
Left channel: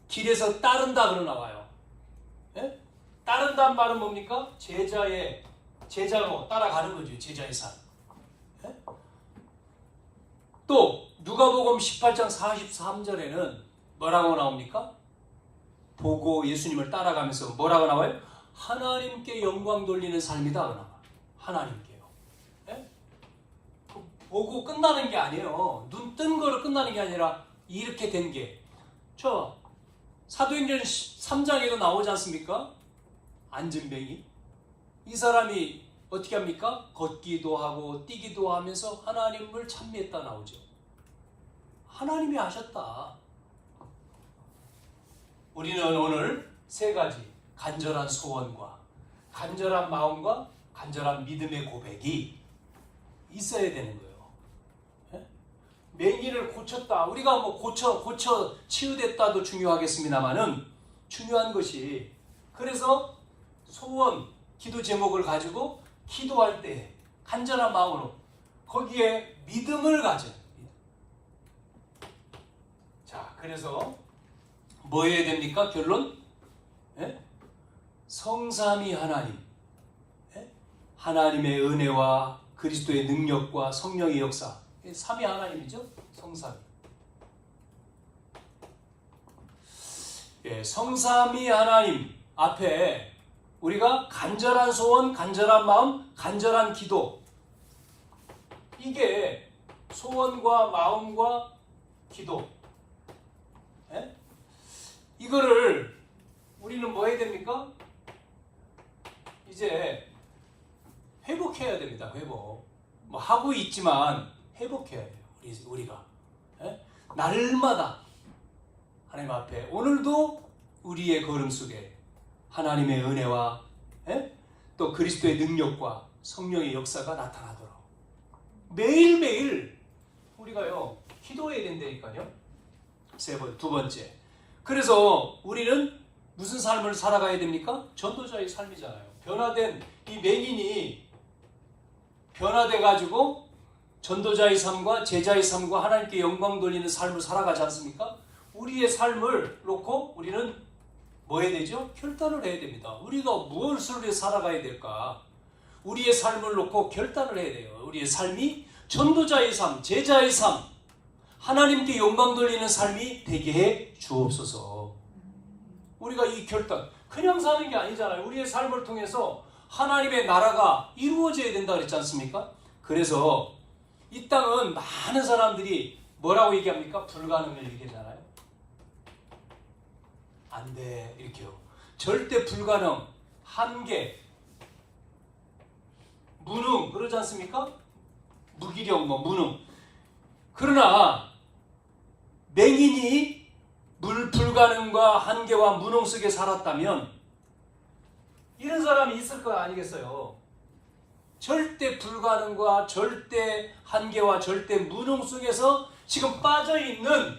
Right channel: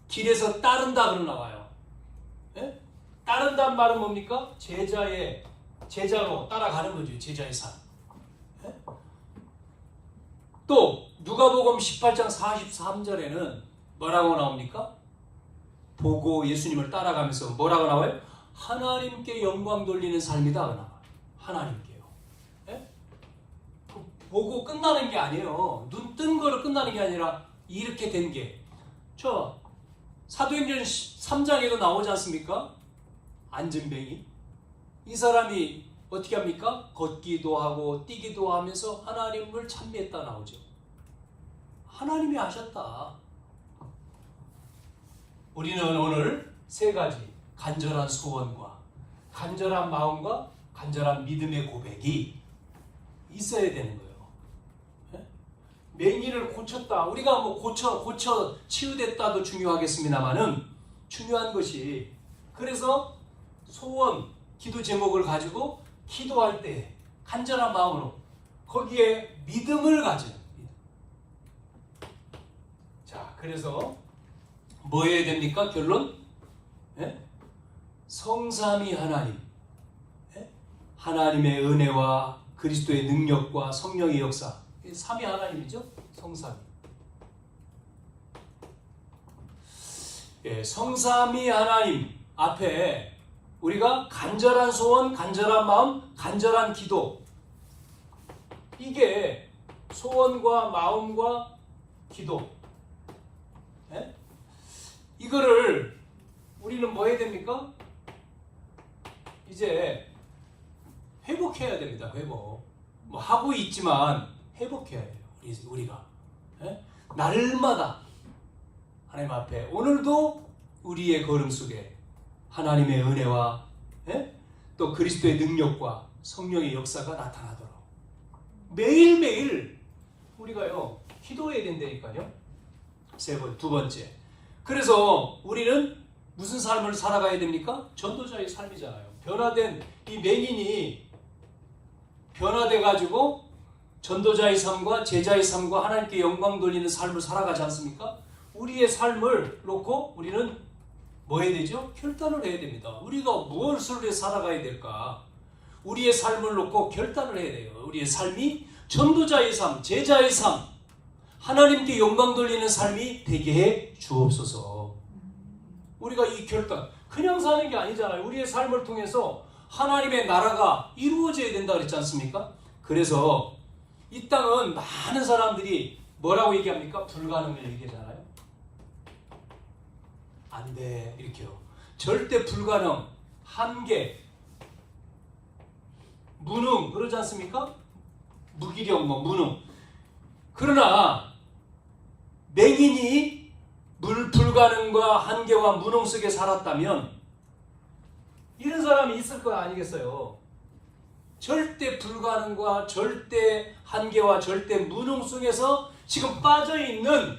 길에서 따른다 그러 나와요. 예? 따른다는 말은 뭡니까? 제자로 따라가는 거죠. 제자의 삶. 예? 또 누가복음 18장 43절에는 뭐라고 나옵니까? 보고 예수님을 따라가면서 뭐라고 나와요? 하나님께 영광 돌리는 삶이다. 나와요. 하나님께요. 예? 보고 끝나는 게 아니에요. 눈 뜬 거로 끝나는 게 아니라 이렇게 된 게. 저 사도행전 3장에도 나오지 않습니까? 안진뱅이. 이 사람이 어떻게 합니까? 걷기도 하고 뛰기도 하면서 하나님을 찬미했다 나오죠. 하나님이 하셨다. 우리는 오늘 세 가지 간절한 소원과 간절한 마음과 간절한 믿음의 고백이 있어야 되는 거예요. 예? 맹인을 고쳤다. 우리가 뭐 고쳐 치유됐다도 중요하겠습니다만은 중요한 것이 그래서 소원, 기도 제목을 가지고 기도할 때 간절한 마음으로 거기에 믿음을 가져. 자, 그래서 뭐 해야 됩니까? 결론? 예? 성삼위 하나님, 예? 하나님의 은혜와 그리스도의 능력과 성령의 역사, 삼위 하나님이죠? 성삼위. 예, 성삼위 하나님 앞에 우리가 간절한 소원, 간절한 마음, 간절한 기도, 이게 소원과 마음과 기도, 예? 이거를 우리는 뭐 해야 됩니까? 이제 회복해야 됩니다. 회복. 뭐 하고 있지만 회복해야 돼요. 우리가. 예? 날마다 하나님 앞에 오늘도 우리의 걸음 속에 하나님의 은혜와 예? 또 그리스도의 능력과 성령의 역사가 나타나도록 매일매일 우리가요 기도해야 된다니까요. 두 번째. 그래서 우리는 무슨 삶을 살아가야 됩니까? 전도자의 삶이잖아요. 변화된 이 맹인이 변화돼 가지고 전도자의 삶과 제자의 삶과 하나님께 영광 돌리는 삶을 살아가지 않습니까? 우리의 삶을 놓고 우리는 뭐 해야 되죠? 결단을 해야 됩니다. 우리가 무엇을 위해 살아가야 될까? 우리의 삶을 놓고 결단을 해야 돼요. 우리의 삶이 전도자의 삶, 제자의 삶, 하나님께 영광 돌리는 삶이 되게 해 주옵소서. 우리가 이 결단, 그냥 사는 게 아니잖아요. 우리의 삶을 통해서 하나님의 나라가 이루어져야 된다 그랬지 않습니까? 그래서 이 땅은 많은 사람들이 뭐라고 얘기합니까? 불가능을 얘기하잖아요. 안 돼, 이렇게요. 절대 불가능, 한계, 무능, 그러지 않습니까? 무기력, 무능. 그러나 맹인이 불가능과 한계와 무능 속에 살았다면 이런 사람이 있을 거 아니겠어요? 절대 불가능과 절대 한계와 절대 무능 속에서 지금 빠져있는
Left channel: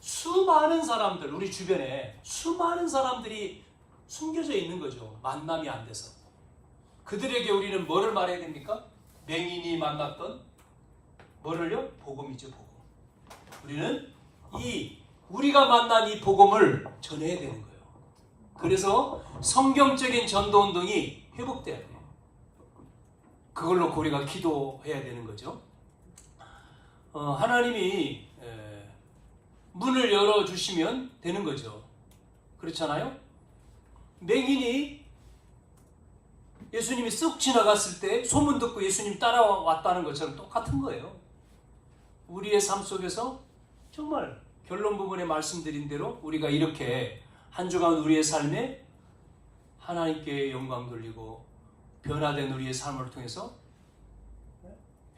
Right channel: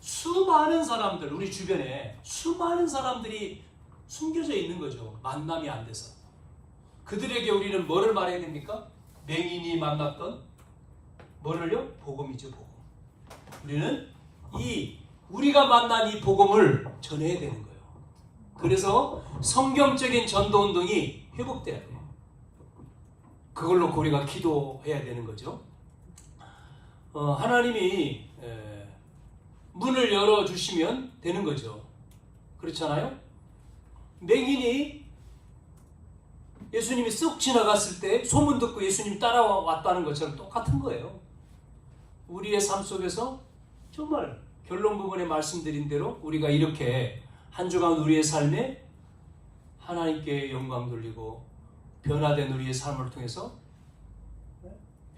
수많은 사람들, 우리 주변에 수많은 사람들이 숨겨져 있는 거죠. 만남이 안 돼서. 그들에게 우리는 뭐를 말해야 됩니까? 맹인이 만났던 뭐를요? 복음이죠, 복음. 우리는 우리가 만난 이 복음을 전해야 되는 거예요. 그래서 성경적인 전도운동이 회복돼야 돼요. 그걸 놓고 우리가 기도해야 되는 거죠. 하나님이 문을 열어주시면 되는 거죠. 그렇잖아요? 맹인이 예수님이 쓱 지나갔을 때 소문 듣고 예수님 따라왔다는 것처럼 똑같은 거예요. 우리의 삶 속에서 정말 결론 부분에 말씀드린 대로 우리가 이렇게 한 주간 우리의 삶에 하나님께 영광 돌리고 변화된 우리의 삶을 통해서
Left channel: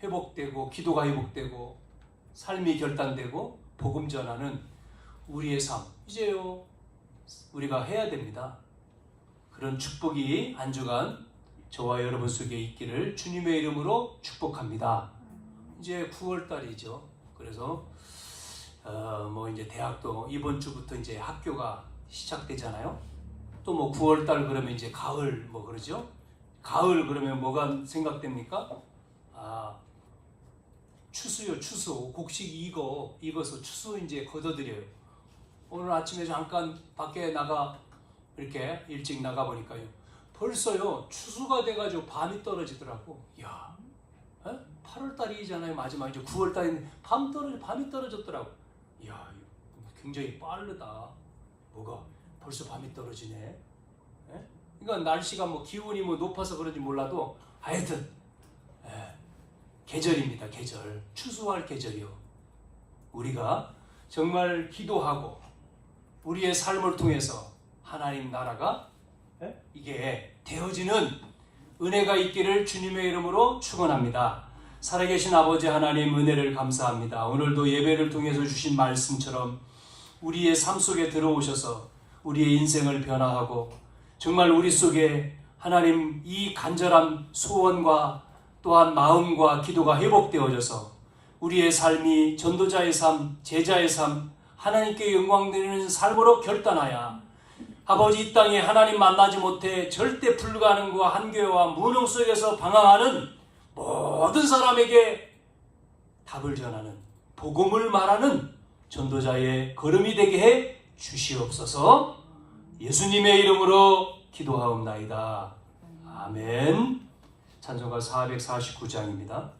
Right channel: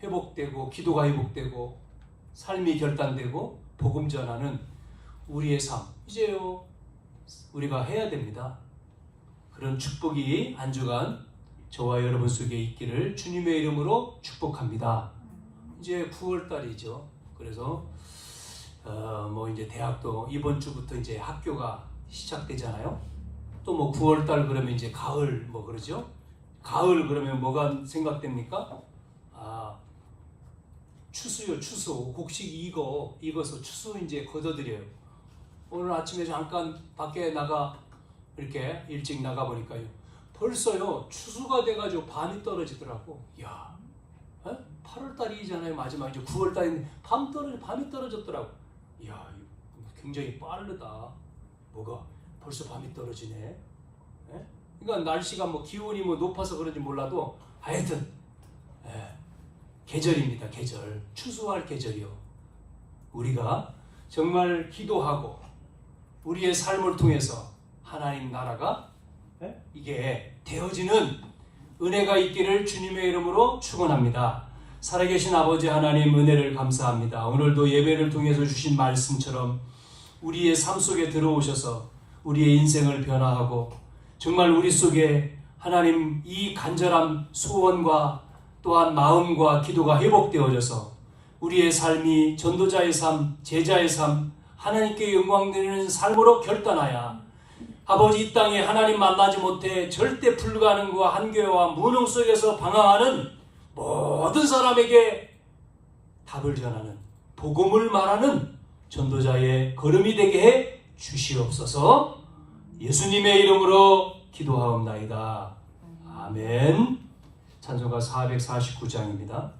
회복되고 기도가 회복되고 삶이 결단되고 복음 전하는 우리의 삶, 이제요 우리가 해야 됩니다. 그런 축복이 한 주간 저와 여러분 속에 있기를 주님의 이름으로 축복합니다. 이제 9월달이죠. 그래서 뭐 이제 대학도 이번 주부터 이제 학교가 시작되잖아요. 또 뭐 9월달 그러면 이제 가을 뭐 그러죠. 가을 그러면 뭐가 생각됩니까? 추수요, 추수. 곡식 익어서 추수 이제 걷어들여요. 오늘 아침에 잠깐 밖에 나가 이렇게 일찍 나가보니까요. 벌써요 추수가 돼가지고 밤이 떨어지더라고. 야, 8월달이잖아요. 마지막 이제 9월달인데 밤이 떨어졌더라고. 야, 굉장히 빠르다. 뭐가 벌써 밤이 떨어지네. 예? 그러니까 날씨가 뭐 기온이 뭐 높아서 그런지 몰라도 하여튼 계절입니다. 계절. 추수할 계절이요. 우리가 정말 기도하고 우리의 삶을 통해서 하나님 나라가 이게 되어지는 은혜가 있기를 주님의 이름으로 축원합니다. 살아계신 아버지 하나님 은혜를 감사합니다. 오늘도 예배를 통해서 주신 말씀처럼 우리의 삶 속에 들어오셔서 우리의 인생을 변화하고 정말 우리 속에 하나님 이 간절한 소원과 또한 마음과 기도가 회복되어져서 우리의 삶이 전도자의 삶, 제자의 삶, 하나님께 영광 드리는 삶으로 결단하여 아버지 이 땅에 하나님 만나지 못해 절대 불가능과 한계와 무능 속에서 방황하는 모든 사람에게 답을 전하는 복음을 말하는 전도자의 걸음이 되게 해 주시옵소서. 예수님의 이름으로 기도하옵나이다. 아멘. 찬송가 449장입니다.